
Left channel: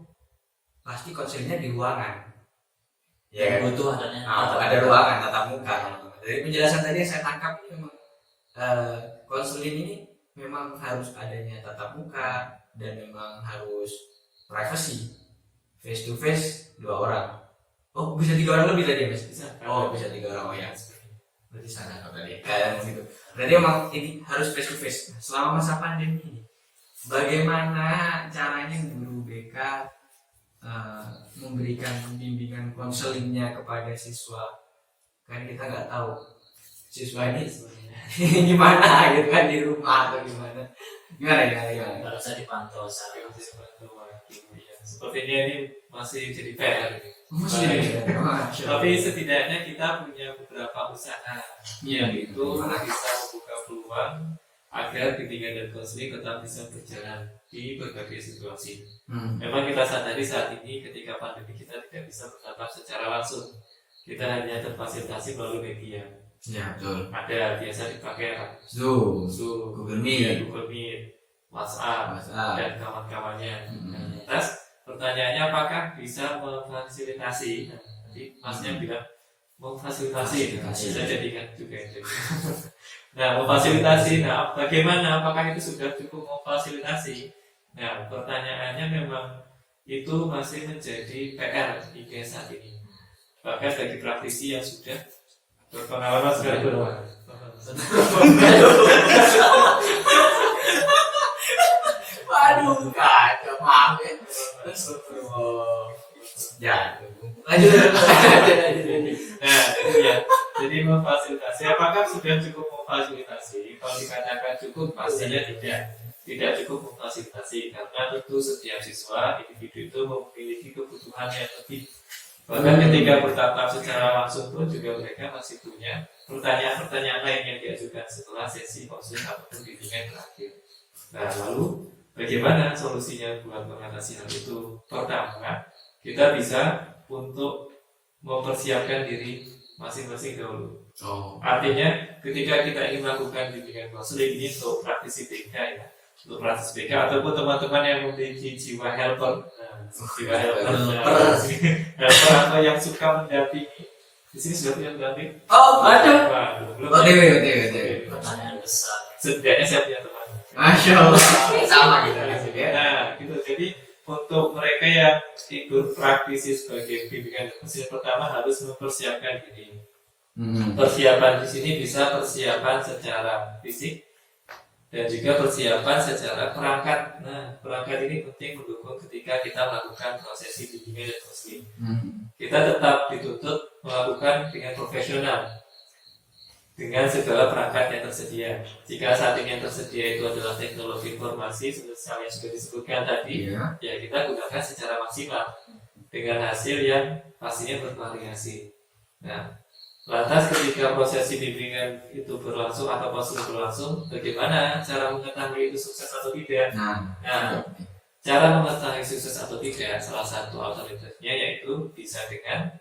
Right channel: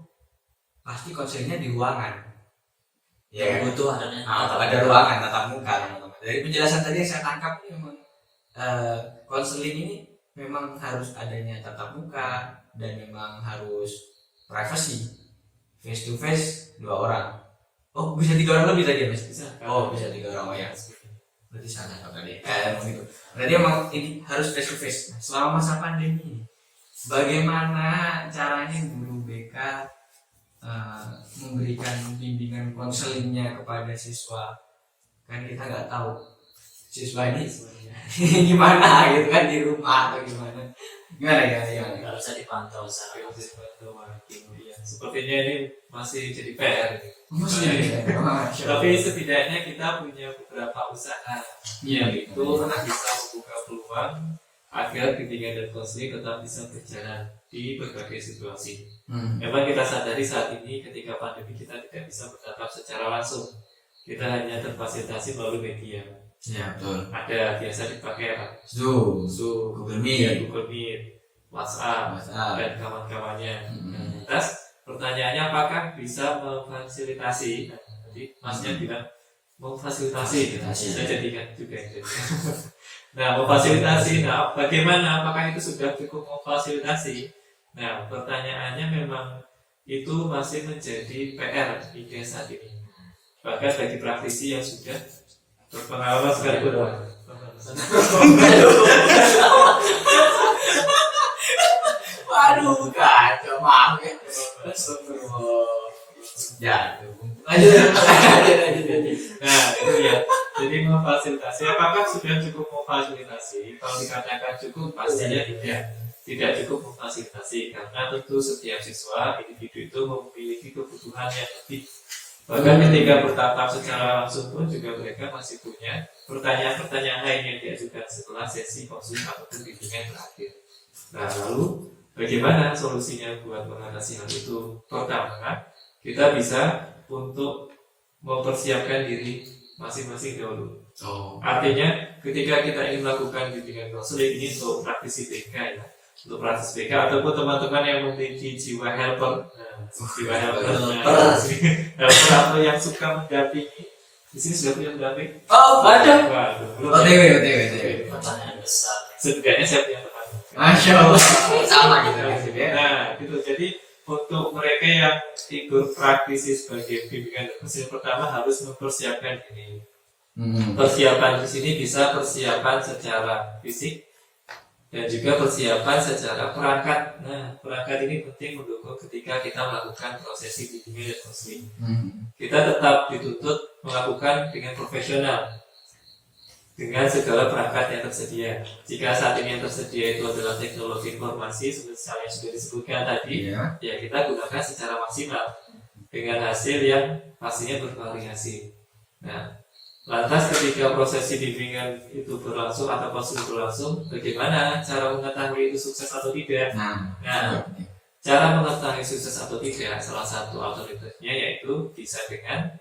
pasti konselnya di ruangan. Ya, butuh ada ruangan tatap muka, teman-teman. Dari penjelasan tadi yang saya tangkap ini memang konseling ini memang harus adanya tatap muka dan memang harus privacy, face to face 2 orang. Oh, bisa 3 orang lebih tadi Mas? Bisa 3 orang. Oh ya. Berarti salah tadi. Gitu. Berarti emang ini harus face to face. Nah, selama masa pandemi ini, bagaimana caranya guru BK memberikan bimbingan konselingnya kepada siswa? Kan kita nggak tahu siswa ini gimana gitu kan, di rumah atau gimana ya. Nggak bisa dipantau secara sepertinya ini masih jadi PR. Tapi Tapi setidaknya kita punya beberapa usaha yang itu bisa membuka peluang agar bimbingan dan konseling tetap bisa berjalan di berbagai situasi. Memang kita sadari saat ini ketika pandemi kita tidak bisa bertatap secara langsung, kita hanya terfasilitasi melalui media. Ya, betul. Ada biasa dipakai apa? Zoom, Google Meet, WhatsApp, dan kawan-kawannya. Terus pertanyaannya apakah bisa memfasilitasi? Tadi Masnya bilang memfasilitasi, bisa jadi kan juga. Nah, memfasilitasi. Nah, bagaimana? Apakah itu sudah cukup memfasilitasi? Nah, pertanyaannya memang itu masih menjadi PR IKS saat ini. Bahkan bagi praktisi yang sudah berpengalaman sekali Waduh, kacau, maaf ya. Ya, lanjut. Nah, itu ya. Jadi memfasilitasi. Apakah sudah cukup memfasilitasi? Kalau dikatakan cukup, pastinya tidak cukup memfasilitasi, karena tentu setiap siswa individu itu memiliki kebutuhan yang lebih. Bahkan ketika bertatap secara langsung pun juga mereka masih punya pertanyaan-pertanyaan lain yang diajukan setelah sesi konseling ataupun bimbingan terakhir. Nah, lalu bagaimana solusinya buat mengatasi hal itu? Pertama, kita bisa untuk mempersiapkan diri masing-masing dahulu. Artinya ketika kita ingin melakukan bimbingan konseling ini untuk praktisi BK ya, untuk praktis BK ataupun teman-teman yang memiliki jiwa helper. Jiwa helper, helper atau yang suka mendampingi. Di sini sudah punya pendamping? Oh, ada. Belum. OTW. Pertanyaan besar. Setidaknya saya punya teman. Masya Allah. Sama gitu. Nah, gitu. Jadi untuk mereka yang ikut praktisi sebagai bimbingan dan mesin pertama harus mempersiapkan diri. Persiapan di sini bisa persiapan secara fisik dan juga persiapan secara perangkat. Nah, perangkat ini penting mendukung ketika kita melakukan prosesi bimbingan dan counseling. Kita tetap dituntut melakukan dengan profesional dengan segala perangkat yang tersedia. Jika saat ini yang tersedia itu adalah teknologi informasi seperti yang sudah disebutkan tadi, ya kita gunakan secara maksimal dengan hasil yang pastinya bervariasi. Nah, lantas ketika prosesi bimbingan itu berlangsung atau konsul berlangsung, bagaimana cara mengetahui itu sukses atau tidak? Nah, cara mengetahui sukses atau tidak, salah satu alternatifnya yaitu bisa dengan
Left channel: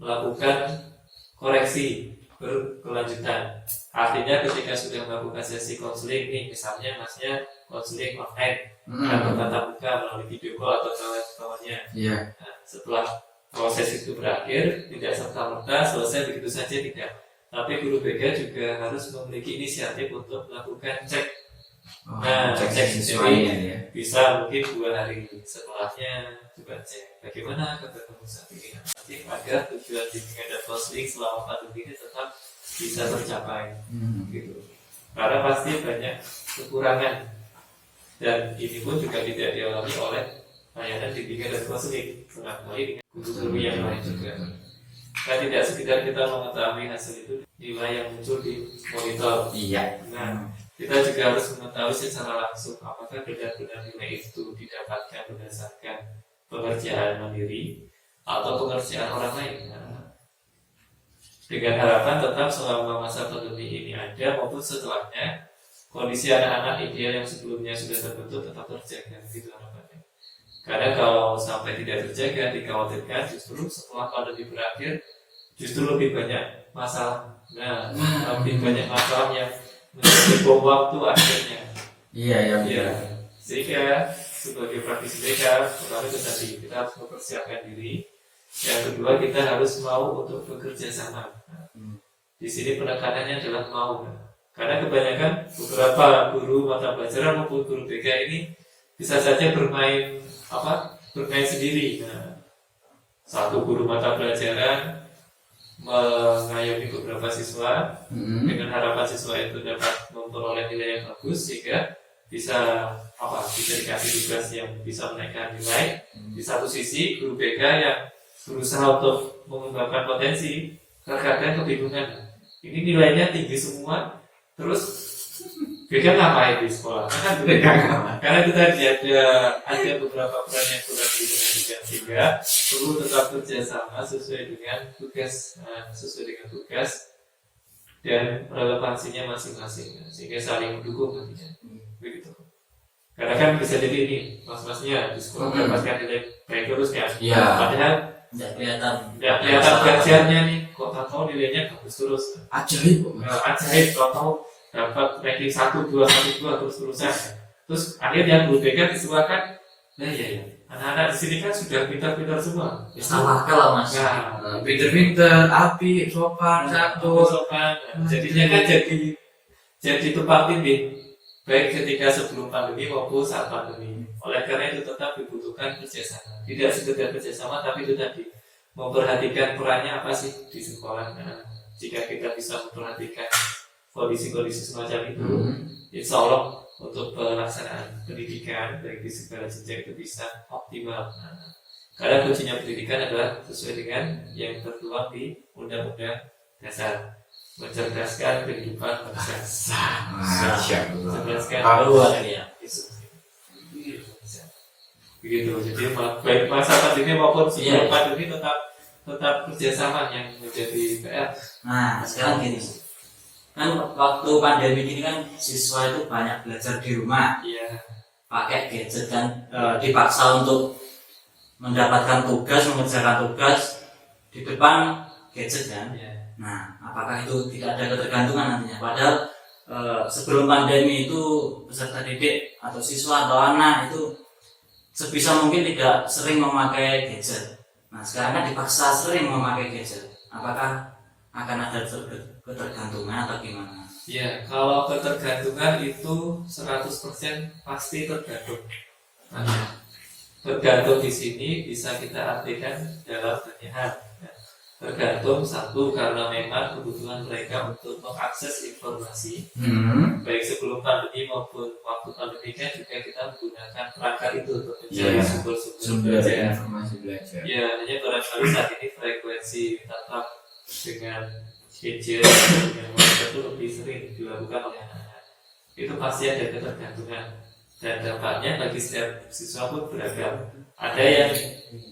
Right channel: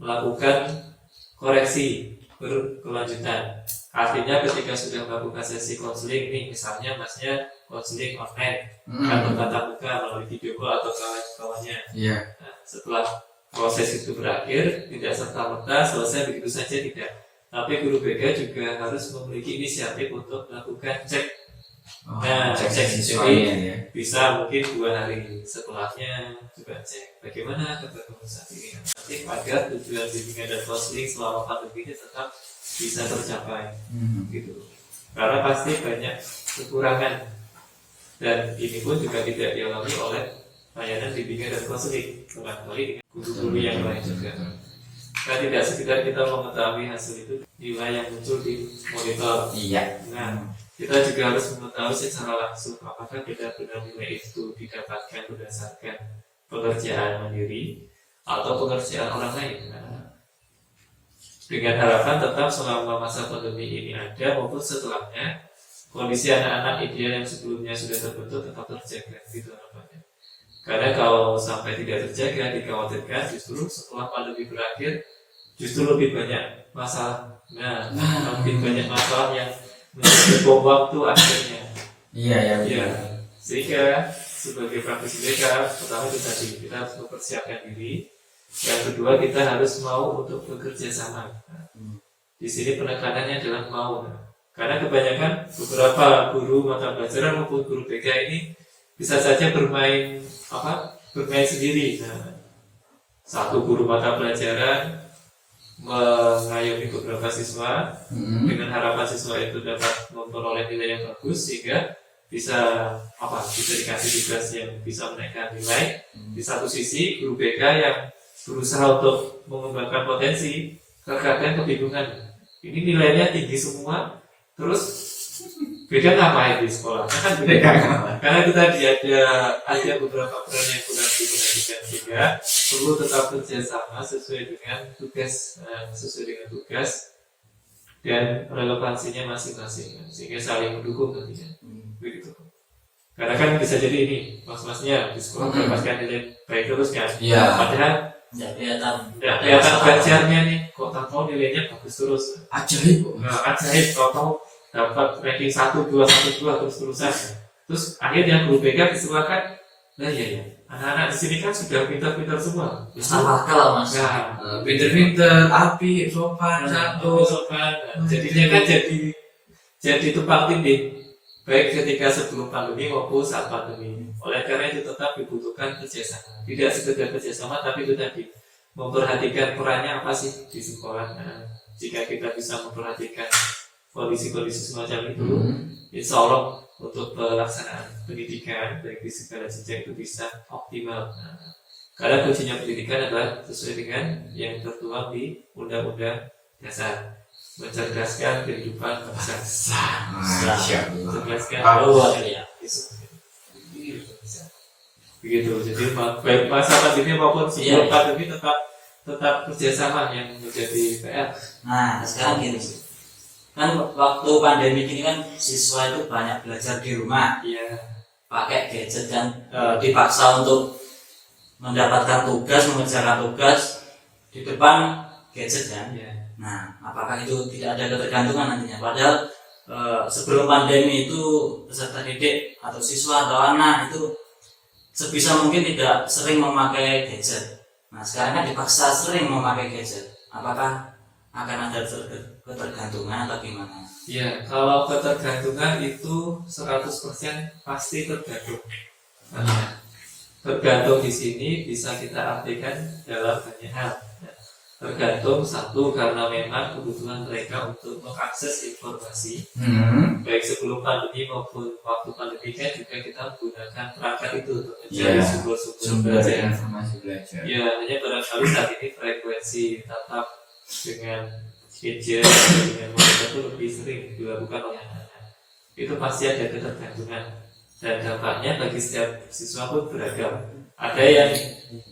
melakukan koreksi berkelanjutan. Artinya ketika sudah melakukan sesi konseling nih, misalnya masnya konseling online atau tatap muka melalui video call atau kawan-kawannya. Nah, setelah proses itu berakhir, tidak serta-merta selesai begitu saja, tidak. Tapi guru BK juga harus memiliki inisiatif untuk melakukan cek. Cek siswanya ya. Bisa mungkin 2 hari setelahnya juga cek bagaimana ketemu saat ini. Nanti agar tujuan bimbingan dan counseling selama pandemi ini tetap bisa tercapai, gitu. Karena pasti banyak kekurangan dan ini pun juga tidak dialami oleh layanan bimbingan dan counseling, barangkali dengan guru-guru yang lain juga. Nah, tidak sekedar kita mengetahui hasil itu, nilai yang muncul di monitor. Nah, kita juga harus mengetahui secara langsung apakah benar-benar nilai itu didapatkan berdasarkan pekerjaan mandiri atau pekerjaan orang lain. Nah, dengan harapan tetap selama masa pandemi ini ada maupun setelahnya, kondisi anak-anak ideal yang sebelumnya sudah terbentuk tetap terjaga, gitu harapannya. Karena kalau sampai tidak terjaga, dikhawatirkan justru setelah pandemi berakhir justru lebih banyak masalah. Nah, lebih banyak masalah yang menjadi bom waktu akhirnya. Sehingga sebagai praktisi BK, pertama itu tadi kita harus mempersiapkan diri. Yang kedua, kita harus mau untuk bekerja sama. Di sini penekanannya adalah mau. Karena kebanyakan beberapa guru mata pelajaran maupun guru BK ini bisa saja bermain sendiri. Nah, satu guru mata pelajaran mengayomi beberapa siswa dengan harapan siswa itu dapat memperoleh nilai yang bagus sehingga bisa dikasih tugas yang bisa menaikkan nilai. Di satu sisi guru BK yang berusaha untuk mengembangkan potensi, kadang-kadang kebingungan. Ini nilainya tinggi semua, terus BK ngapain di sekolah? Karena itu tadi ada beberapa peran yang kurang diperhatikan, sehingga perlu tetap kerjasama sesuai dengan tugas dan relevansinya masing-masing, sehingga saling mendukung nantinya. Begitu. Karena kan bisa jadi ini mas-masnya di sekolah mendapatkan nilai baik terus kan, padahal nggak kelihatan gajahnya nih, kok tahu nilainya bagus terus. Ajaib, tahu dapat ranking 1, 2, 1, 2 terus-terusan. Terus akhirnya guru BK disilakan. Nah ya, anak-anak di sini kan sudah pintar-pintar semua. Sama akal mas. Pintar-pintar, api, sopan, santun. Jadinya kan jadi tumpang tindih, baik ketika sebelum pandemi maupun saat pandemi. Oleh karena itu tetap dibutuhkan kerjasama. Tidak sekedar kerjasama, tapi itu tadi memperhatikan perannya apa sih di sekolah. Nah, jika kita bisa memperhatikan kondisi-kondisi semacam itu, insya Allah untuk pelaksanaan pendidikan baik di segala jenjang itu bisa optimal. Nah, karena kuncinya pendidikan adalah sesuai dengan yang tertuang di Undang-Undang Dasar, mencerdaskan kehidupan bangsa. Mencerdaskan begitu. Jadi baik masa pandemi maupun sebelum pandemi tetap kerjasama yang menjadi PR. Nah sekarang gini, kan waktu pandemi ini kan siswa itu banyak belajar di rumah, pakai gadget kan, dipaksa untuk mendapatkan tugas, mengerjakan tugas di depan gadget kan. Nah, apakah itu tidak ada ketergantungan nantinya? Padahal sebelum pandemi itu peserta didik atau siswa atau anak itu sebisa mungkin tidak sering memakai gadget. Nah sekarang kan dipaksa sering memakai gadget. Apakah akan ada ketergantungan atau gimana? Ya, kalau ketergantungan itu 100% pasti tergantung. Nah, tergantung di sini bisa kita artikan dalam banyak hal. Tergantung satu karena memang kebutuhan mereka untuk mengakses informasi baik sebelum pandemi maupun waktu pandemi kan juga kita menggunakan perangkat itu untuk mencari sumber informasi belajar. Ya, hanya barangkali saat ini frekuensi tatap dengan gadget dengan monitor itu lebih sering dilakukan oleh anak-anak. Itu pasti ada ketergantungan dan dampaknya bagi setiap siswa pun beragam. Ada yang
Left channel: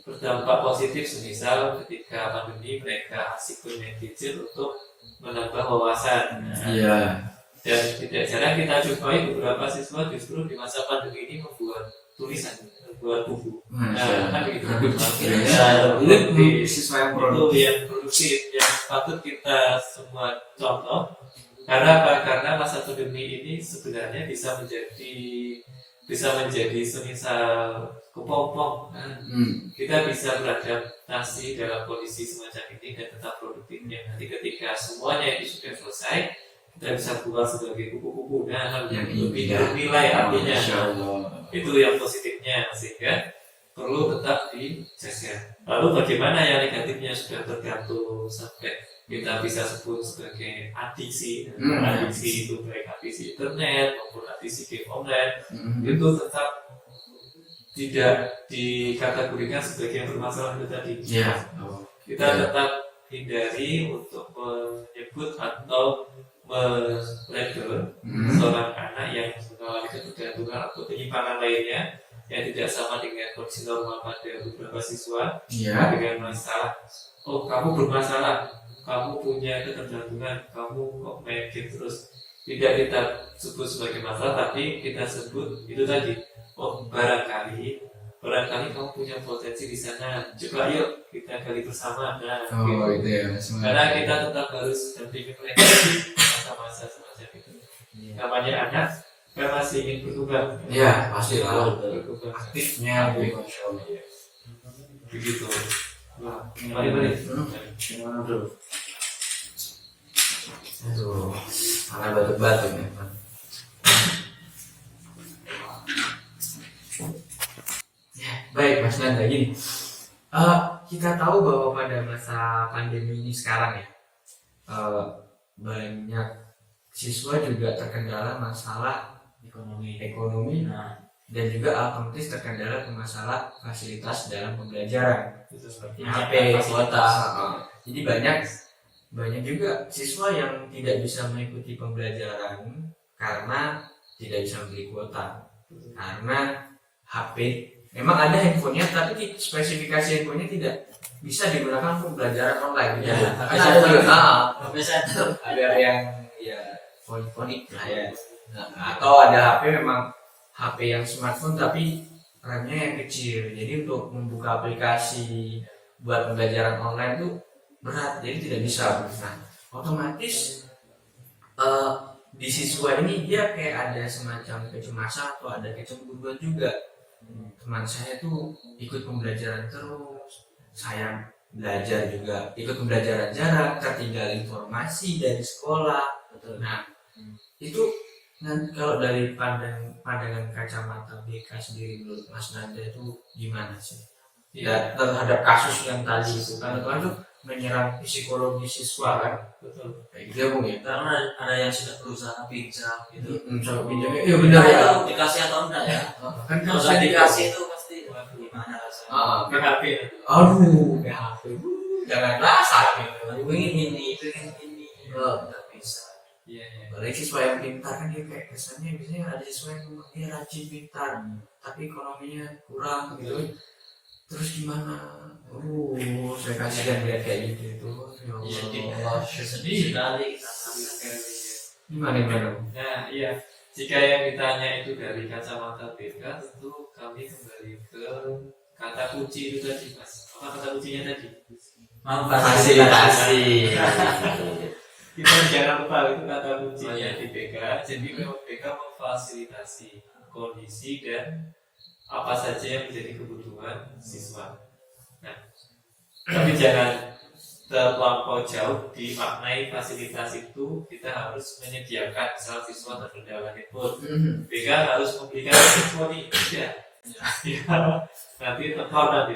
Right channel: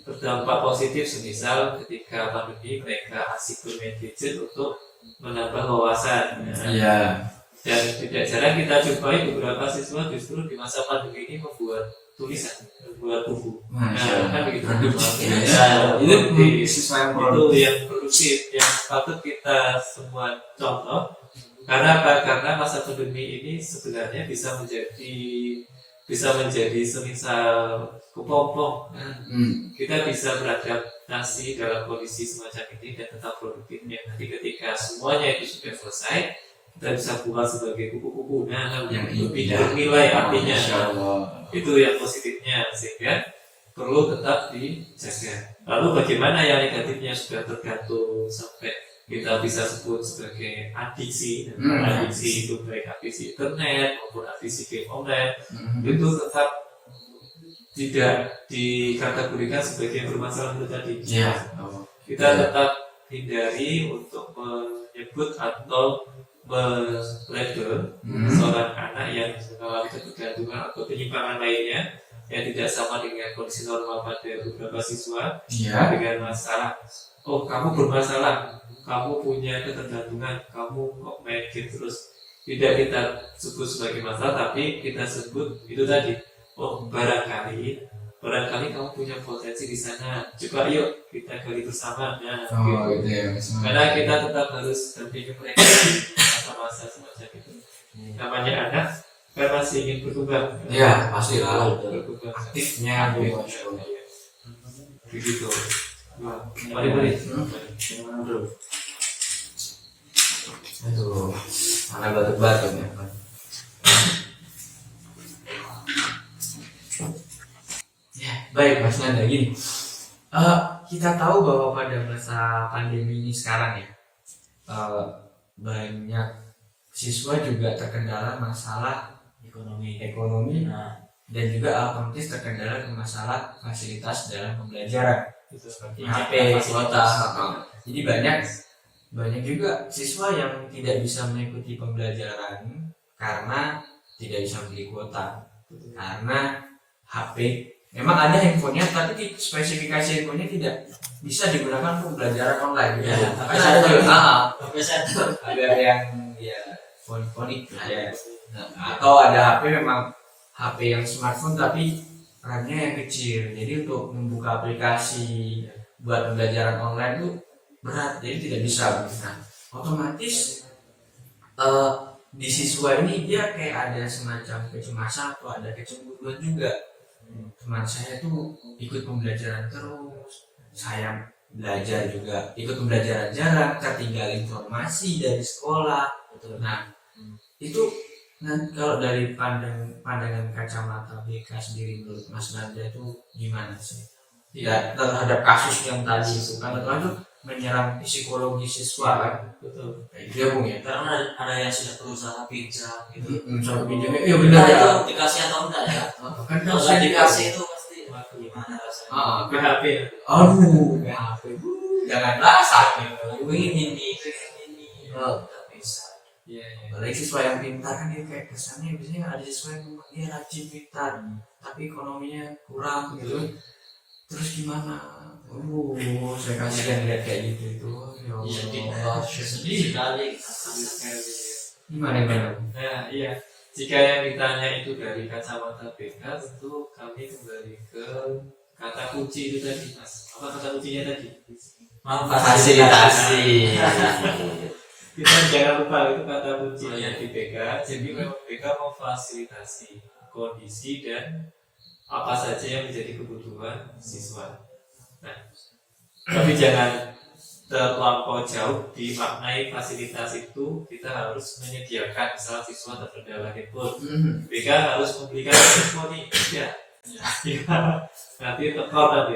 berdampak positif, semisal ketika pandemi mereka asik bermain gadget untuk menambah wawasan. Iya. Dan tidak jarang kita jumpai beberapa siswa justru di masa pandemi ini membuat tulisan, membuat buku. Kan begitu. Itu siswa yang produktif, yang patut kita semua contoh. Karena apa? Karena masa pandemi ini sebenarnya bisa menjadi semisal kepompong. Kita bisa beradaptasi dalam kondisi semacam ini dan tetap produktif. Nanti ketika semuanya itu sudah selesai, kita bisa buat sebagai kupu-kupu yang lebih bernilai artinya. Itu yang positifnya, sehingga perlu tetap dijaga. Lalu bagaimana yang negatifnya sudah tergantung sampai kita bisa sebut sebagai adiksi. Adiksi itu baik adiksi internet maupun adiksi game online, itu tetap tidak dikategorikan sebagai bermasalah itu tadi. Kita tetap hindari untuk menyebut atau melabel seorang anak yang mengalami ketergantungan atau penyimpangan lainnya yang tidak sama dengan kondisi normal pada beberapa siswa dengan masalah. Oh, kamu bermasalah, kamu punya ketergantungan, kamu kok main game terus. Tidak kita sebut sebagai masalah, tapi kita sebut itu tadi. Oh, barangkali kamu punya potensi di sana. Coba yuk kita gali bersama. Itu ya. Karena kita tetap harus dampingi mereka di masa-masa semacam itu. Namanya anak kan masih ingin berkembang. Iya, pasti lah. Berkembang Aktifnya begitu. Mari. Gimana bro? Aduh, mana batuk-batuk ya kan? Ya, baik Mas Nanda gini. Kita tahu bahwa pada masa pandemi ini sekarang ya, banyak siswa juga terkendala masalah ekonomi dan juga otomatis terkendala ke masalah fasilitas dalam pembelajaran seperti HP, kuota. Jadi banyak juga siswa yang tidak bisa mengikuti pembelajaran karena tidak bisa membeli kuota, karena HP memang ada handphonenya tapi spesifikasi handphonenya tidak bisa digunakan untuk pembelajaran online. Karena ada juga ada yang fonik ya, atau ada HP memang HP yang smartphone tapi RAM-nya yang kecil, jadi untuk membuka aplikasi buat pembelajaran online itu berat, jadi tidak bisa. Nah, otomatis di siswa ini dia kayak ada semacam kecemasan atau ada kecemburuan juga. Teman saya tuh ikut pembelajaran terus, saya belajar juga ikut pembelajaran jarak, tertinggal informasi dari sekolah. Nah, itu kalau dari pandangan kacamata BK sendiri, menurut Mas Nanda itu gimana sih? Terhadap kasus yang tadi itu kan itu menyerang psikologi siswa kan? Betul. Kayak gitu ya Bung ya? Karena ada yang sudah berusaha pinjam gitu. Soal pinjamnya, iya benar ya. Itu dikasih atau enggak ya? Kan Kalau nggak dikasih itu pasti gimana rasanya? PHP. Aduh, PHP. Janganlah sakit. Ini. Nggak bisa. Iya. Apalagi siswa yang pintar kan dia kayak kesannya biasanya ada siswa yang memang dia rajin pintar, tapi ekonominya kurang gitu. Terus gimana? Aduh, saya kasihan lihat kayak gitu itu. Ya Allah, sedih sekali. Gimana? Nah, iya. Jika yang ditanya itu dari kacamata BK, tentu kami kembali ke kata kunci itu tadi, Mas. Apa kata kuncinya tadi? Fasilitasi. Kita jangan lupa itu kata kuncinya Oh, iya. di BK. Jadi memang BK memfasilitasi kondisi dan apa saja yang menjadi kebutuhan siswa. Nah, tapi jangan terlampau jauh dimaknai fasilitas itu kita harus menyediakan misal siswa terkendala handphone. BK harus membelikan handphone nih, ya. Nanti tekor nanti,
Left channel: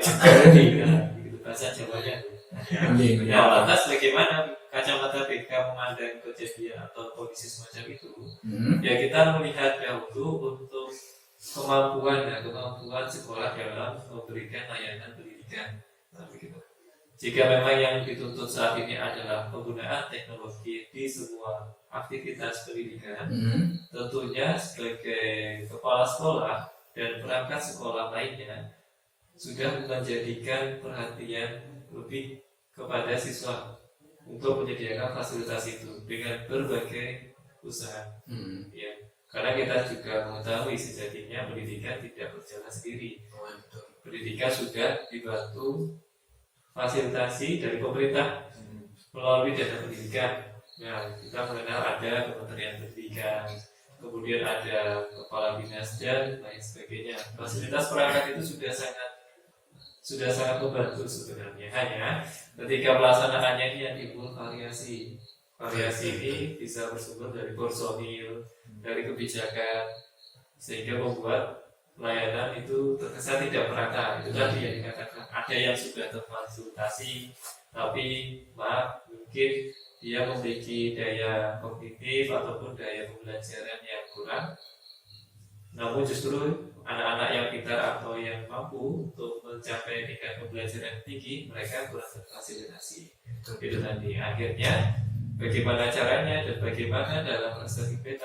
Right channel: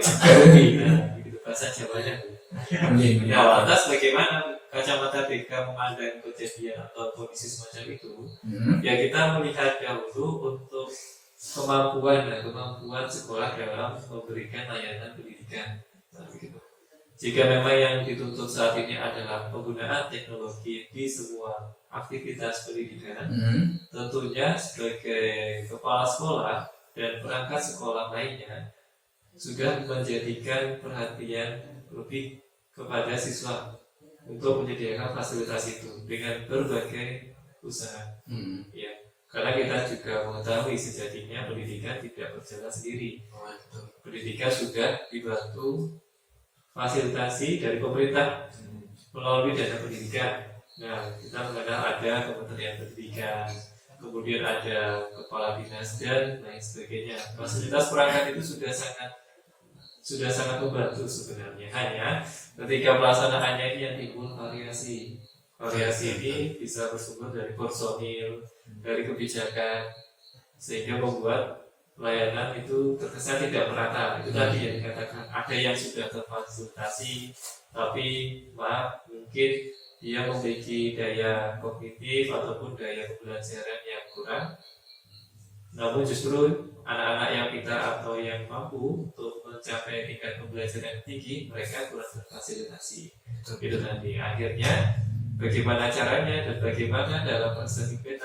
gitu bahasa Jawanya. Ya, lantas bagaimana kacamata BK memandang kejadian atau kondisi semacam itu? Ya kita melihat dahulu untuk kemampuan sekolah dalam memberikan layanan pendidikan. Nah, begitu. Jika memang yang dituntut saat ini adalah penggunaan teknologi di sebuah aktivitas pendidikan, tentunya sebagai kepala sekolah dan perangkat sekolah lainnya sudah menjadikan perhatian lebih kepada siswa untuk menyediakan fasilitas itu dengan berbagai usaha. Ya, karena kita juga mengetahui sejatinya pendidikan tidak berjalan sendiri. Pendidikan sudah dibantu fasilitasi dari pemerintah melalui dana pendidikan. Nah, kita mengenal ada Kementerian Pendidikan, kemudian ada kepala dinas dan lain sebagainya. Fasilitas perangkat itu sudah sangat membantu sebenarnya. Hanya ketika pelaksanaannya ini yang timbul variasi. Variasi ini bisa bersumber dari personil, dari kebijakan, sehingga membuat pelayanan itu terkesan tidak merata. Itu tadi yang dikatakan ada yang sudah terfasilitasi, tapi mungkin dia memiliki daya kognitif ataupun daya pembelajaran yang kurang. Namun justru anak-anak yang pintar atau yang mampu untuk mencapai tingkat pembelajaran tinggi, mereka kurang terfasilitasi. Itu nanti akhirnya bagaimana caranya dan bagaimana dalam perspektif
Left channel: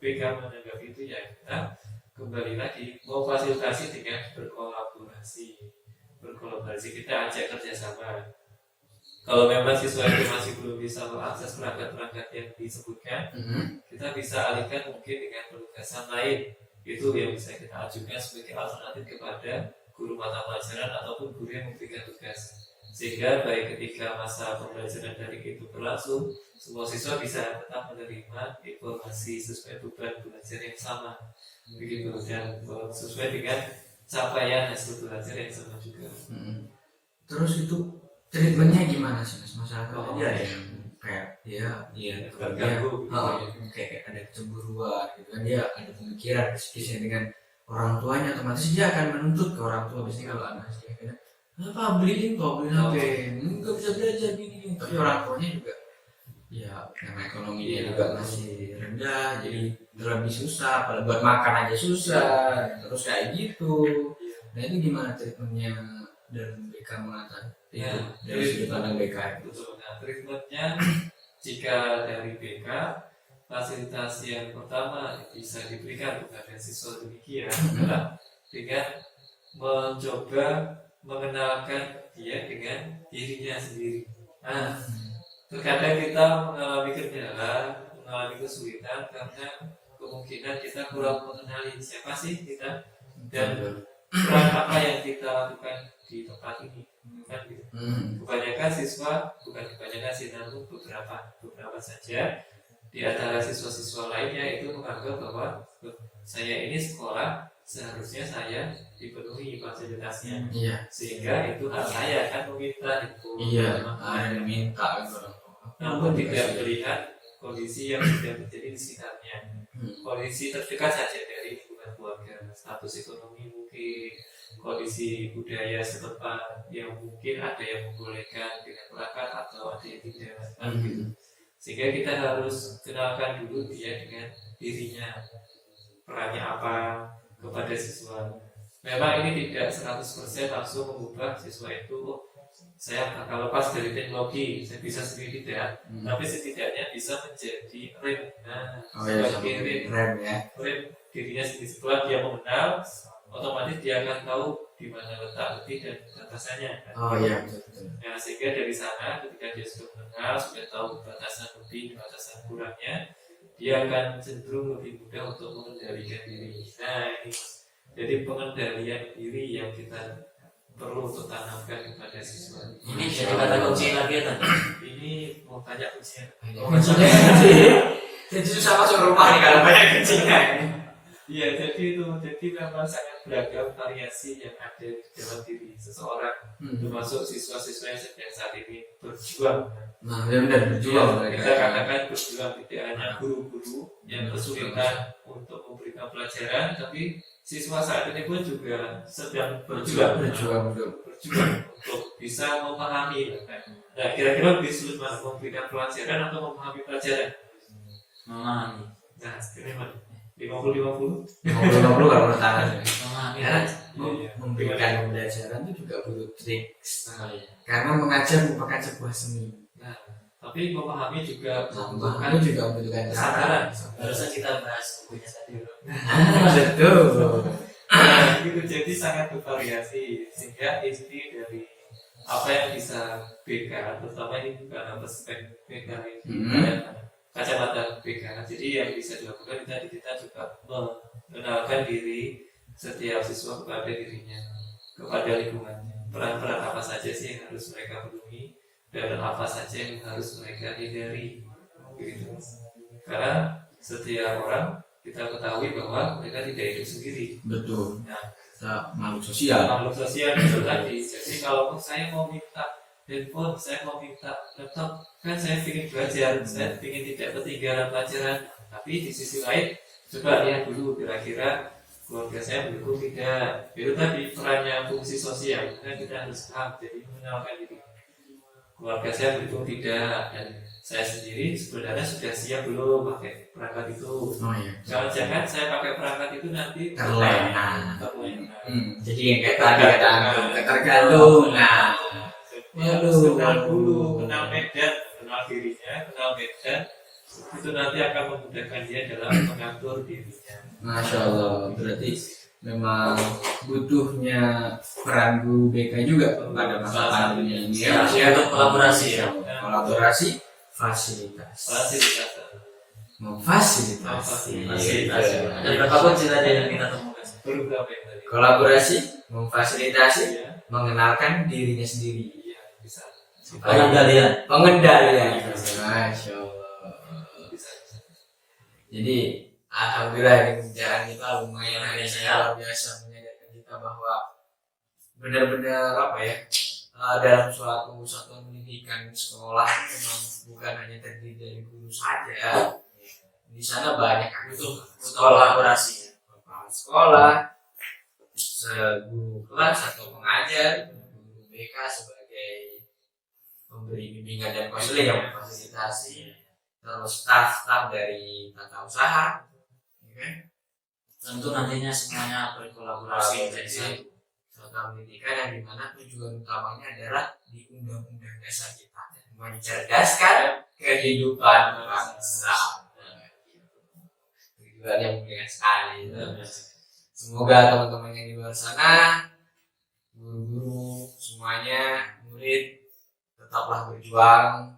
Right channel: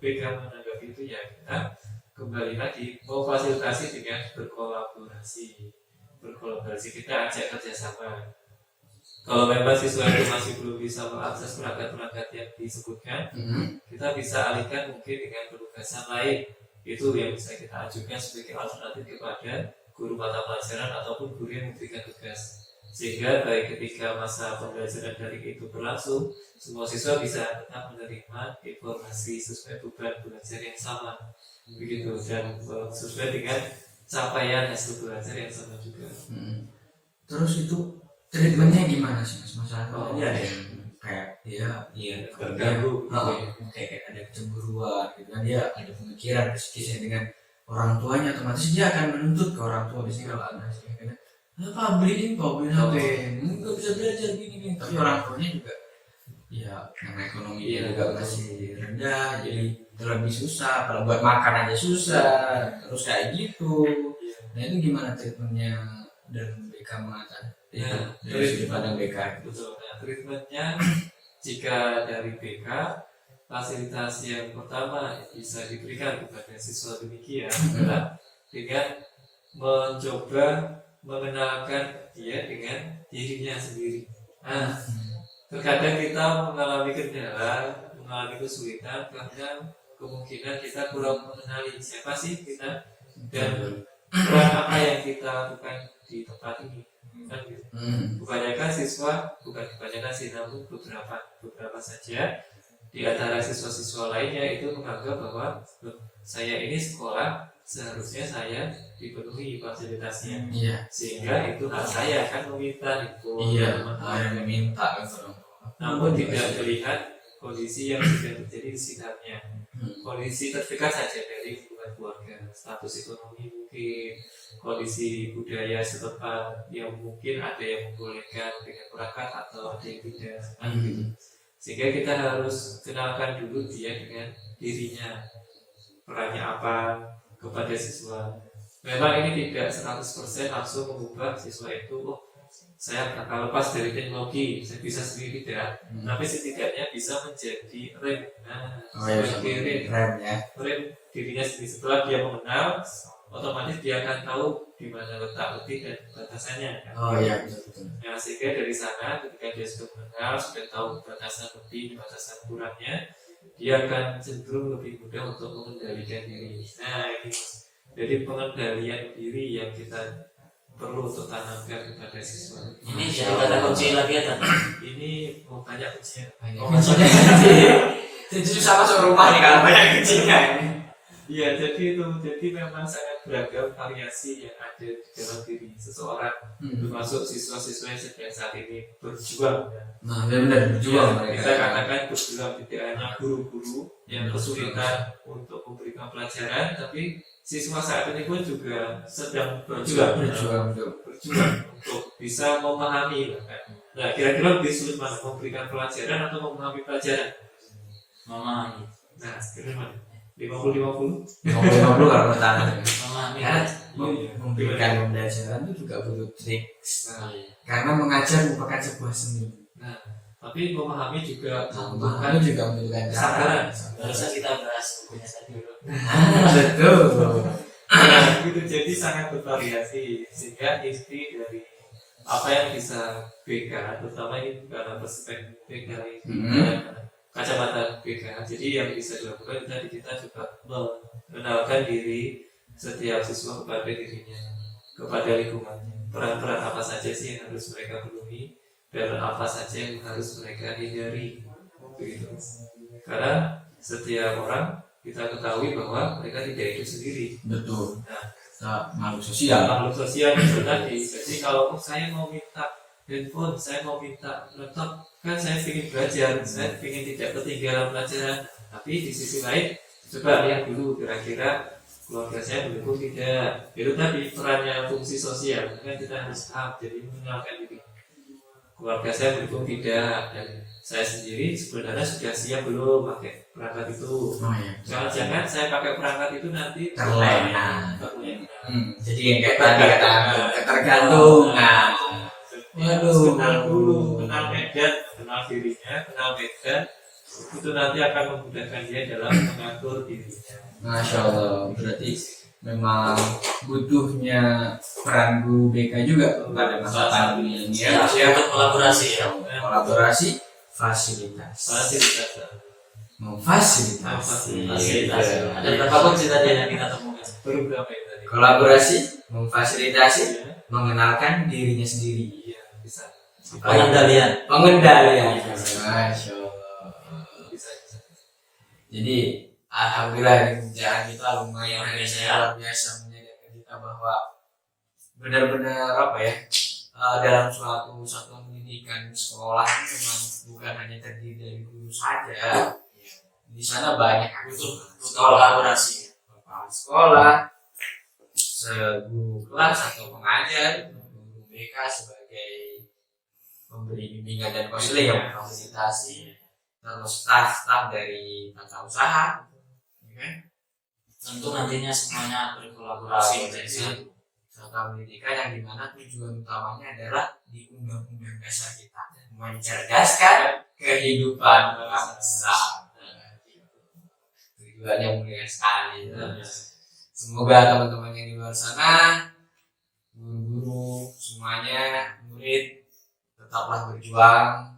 BK menanggapi itu, ya kita kembali lagi memfasilitasi dengan berkolaborasi kita ajak kerjasama. Kalau memang siswa itu masih belum bisa mengakses perangkat-perangkat yang disebutkan, kita bisa alihkan mungkin dengan penugasan lain. Itu yang bisa kita ajukan sebagai alternatif kepada guru mata pelajaran ataupun guru yang memberikan tugas, sehingga baik ketika masa pembelajaran daring itu berlangsung, semua siswa bisa tetap menerima informasi sesuai beban belajar yang sama, begitu, dan sesuai dengan capaian hasil belajar yang sama juga. Terus itu treatmentnya gimana sih mas? Masalah Dia ada yang kayak dia terganggu, kayak ada kecemburuan gitu kan, dia ada pemikiran psikisnya dengan orang tuanya, otomatis dia akan menuntut ke orang tua. Biasanya kalau anak sih kadang apa beliin HP, nggak bisa belajar gini, tapi orang tuanya juga ya karena ekonominya juga masih rendah, jadi lebih susah, apalagi buat makan aja susah, terus kayak gitu. Nah itu gimana treatmentnya dan BK mengatasi itu dari sudut pandang BK? Betul. Nah, treatmentnya jika dari BK, fasilitas yang pertama bisa diberikan kepada siswa demikian adalah dengan mencoba mengenalkan dia dengan dirinya sendiri. Terkadang kita mengalami kendala, mengalami kesulitan karena kemungkinan kita kurang mengenali siapa sih kita dan peran apa yang kita lakukan di tempat ini. Kan gitu. Kebanyakan siswa, bukan kebanyakan sih, namun beberapa saja di antara siswa-siswa lainnya itu menganggap bahwa saya ini sekolah, seharusnya saya dipenuhi fasilitasnya, sehingga itu hak saya kan meminta itu, meminta namun tidak melihat kondisi yang sudah terjadi di sekitarnya, kondisi terdekat saja dari hubungan keluarga, status ekonomi mungkin, kondisi budaya setempat yang mungkin ada yang membolehkan dengan perangkat atau ada yang tidak, gitu. Sehingga kita harus kenalkan dulu dia dengan dirinya, perannya apa kepada siswa. Memang ini tidak 100% langsung mengubah siswa itu, saya akan lepas dari teknologi, saya bisa sendiri tidak, tapi setidaknya bisa menjadi rem. Rem dirinya sendiri. Setelah dia mengenal, otomatis dia akan tahu di mana letak lebih dan batasannya. Betul. Nah, sehingga dari sana ketika dia sudah mengenal, sudah tahu batasan lebih, batasan kurangnya, dia akan cenderung lebih mudah untuk mengendalikan diri. Nah, ini jadi pengendalian diri yang kita perlu untuk tanamkan kepada siswa. Ini jadi kata kunci lagi ya tadi. Ini mau banyak kuncinya. Jadi susah masuk rumah nih kalau banyak kucingnya ini. Iya, jadi memang sangat beragam variasi yang ada di dalam diri seseorang, termasuk siswa-siswa yang sedang saat ini berjuang. Nah, benar berjuang mereka. Kita katakan berjuang, tidak hanya guru-guru yang kesulitan untuk memberikan pelajaran, tapi siswa saat ini pun juga sedang berjuang untuk bisa memahami. Nah, kira-kira lebih sulit mana, memberikan pelajaran atau memahami pelajaran? Memahami. Nah, kira-kira 50-50? 50-50 kalau menurut tangan. Memahami. Karena Iya. memberikan pembelajaran itu juga butuh trik. Nah, Karena mengajar merupakan sebuah seni. nah, tapi memahami juga Memahami juga membutuhkan kesabaran. Harusnya kita bahas bukunya tadi. Betul. Nah, gitu. Jadi sangat bervariasi sehingga inti dari apa yang bisa BK, terutama ini karena perspektif BK ini kacamata BK. Jadi yang bisa dilakukan kita juga mengenalkan diri setiap siswa kepada dirinya, kepada lingkungannya. Peran-peran apa saja sih yang harus mereka penuhi dan apa saja yang harus mereka hindari. Begitu. Karena setiap orang kita ketahui bahwa mereka tidak hidup sendiri. Betul. Nah, Makhluk sosial. makhluk sosial itu tadi. Jadi kalau saya mau minta handphone, saya mau minta laptop, kan saya ingin belajar, saya ingin tidak ketinggalan pelajaran. Tapi di sisi lain, coba lihat dulu kira-kira keluarga saya mendukung tidak. Itu tadi perannya fungsi sosial, kan kita harus paham. Jadi mengenalkan diri. Keluarga saya mendukung tidak, dan saya sendiri sebenarnya sudah siap belum pakai perangkat itu. Oh iya. Jangan-jangan saya pakai perangkat itu nanti Terlena. terlena. Jadi yang kayak tadi kata tergantung. Nah, Harus kenal dulu, kenal medan, kenal dirinya, kenal medan. Itu nanti akan memudahkan dia dalam mengatur dirinya. Masya Allah. Berarti memang butuhnya peran guru BK juga pada masa pandemi ini ya. Untuk kolaborasi ya. Kolaborasi, fasilitas. Fasilitas. Memfasilitasi. Fasilitas. Ada berapa kunci tadi yang kita temukan? Baru berapa yang tadi? Kolaborasi, memfasilitasi, Ya, mengenalkan dirinya sendiri. iya, bisa. Pengendalian. Pengendalian. Masya Allah. Bisa. Jadi alhamdulillah pembicaraan kita lumayan hari ini luar biasa menyadarkan kita bahwa benar-benar apa ya, dalam suatu satuan pendidikan sekolah itu memang bukan hanya terdiri dari guru saja. Di sana banyak Butuh sekolah, kolaborasi. kepala sekolah, guru kelas atau pengajar, guru BK sebagai pemberi bimbingan dan konseling yang memfasilitasi, terus staf dari tata usaha, ya kan? Tentu nantinya semuanya berkolaborasi jadi satu. Serta pendidikan yang dimana tujuan utamanya adalah di undang-undang dasar kita mencerdaskan kehidupan bangsa. Tujuan yang mulia sekali. Semoga teman-teman yang di luar sana, guru-guru semuanya, murid, tetaplah berjuang.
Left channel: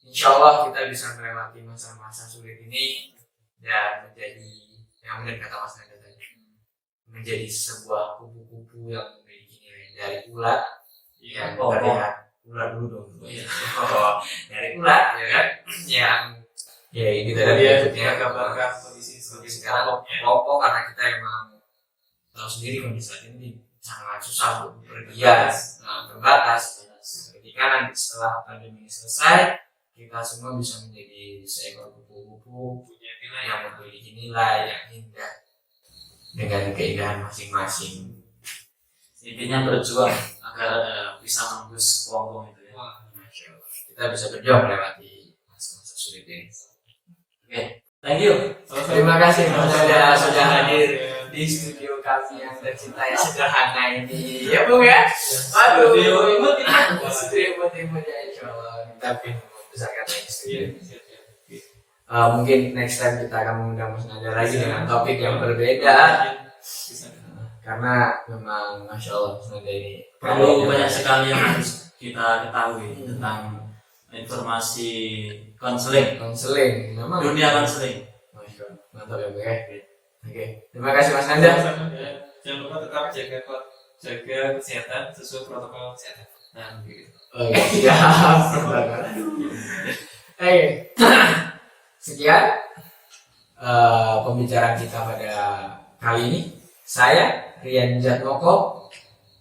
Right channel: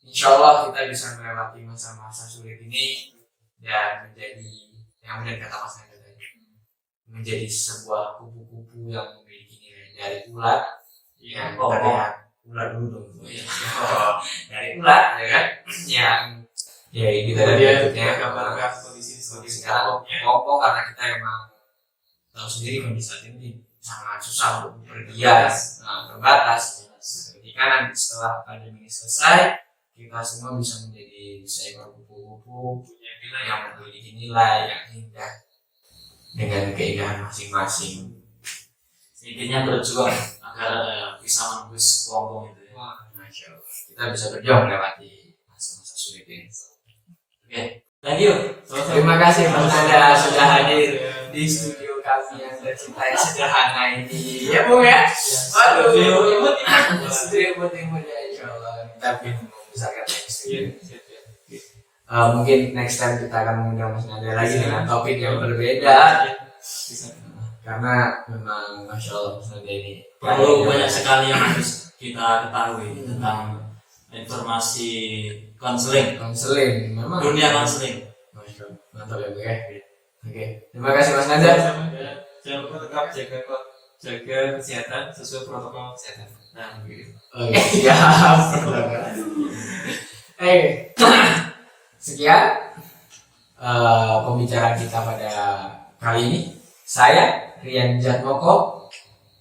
Insya Allah kita bisa melewati masa-masa sulit ini dan menjadi yang benar kata Mas Nanda tadi, menjadi sebuah kupu-kupu yang memiliki nilai dari ulat yang terlihat ulat dulu dong. Dari ulat ya kan, yang ya ini tadi bentuknya gambarkan kondisi sekarang pokok karena kita emang tahu sendiri kondisi saat ini sangat susah untuk bepergian, terbatas. Ketika nanti setelah pandemi ini selesai, kita semua bisa menjadi seekor kupu-kupu punya nilai yang memiliki nilai yang indah dengan keindahan masing-masing. Intinya berjuang agar bisa menembus kelompok itu ya. Wah, Masya Allah. Kita bisa berjuang melewati masa-masa sulit ini. Oke, thank you. Terima kasih Mas Nanda sudah hadir di studio kami yang tercinta yang sederhana ini. Ya Bung ya. Waduh, studio imut-imut ya Insya Allah. Tapi membesarkan studio. Mungkin next time kita akan mengundang Mas Nanda lagi dengan topik yang berbeda. Karena memang Masya Allah Mas Nanda ini Perlu banyak sekali yang harus kita ketahui tentang informasi konseling, memang dunia konseling. Masya Allah, mantap ya Bu ya. Oke, terima kasih Mas Nanda. Jangan lupa tetap jaga jaga kesehatan sesuai protokol kesehatan. Nah, begitu. Oh iya, siap. Sekian pembicaraan kita pada kali ini. Saya Rian Jatmoko.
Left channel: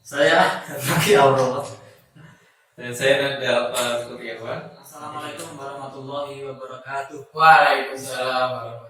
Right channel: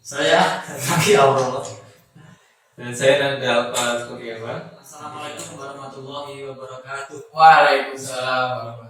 Saya Zaki Aurel. Dan saya Nanda Alfa Kurniawan. Assalamualaikum warahmatullahi wabarakatuh. Waalaikumsalam warahmatullahi wabarakatuh.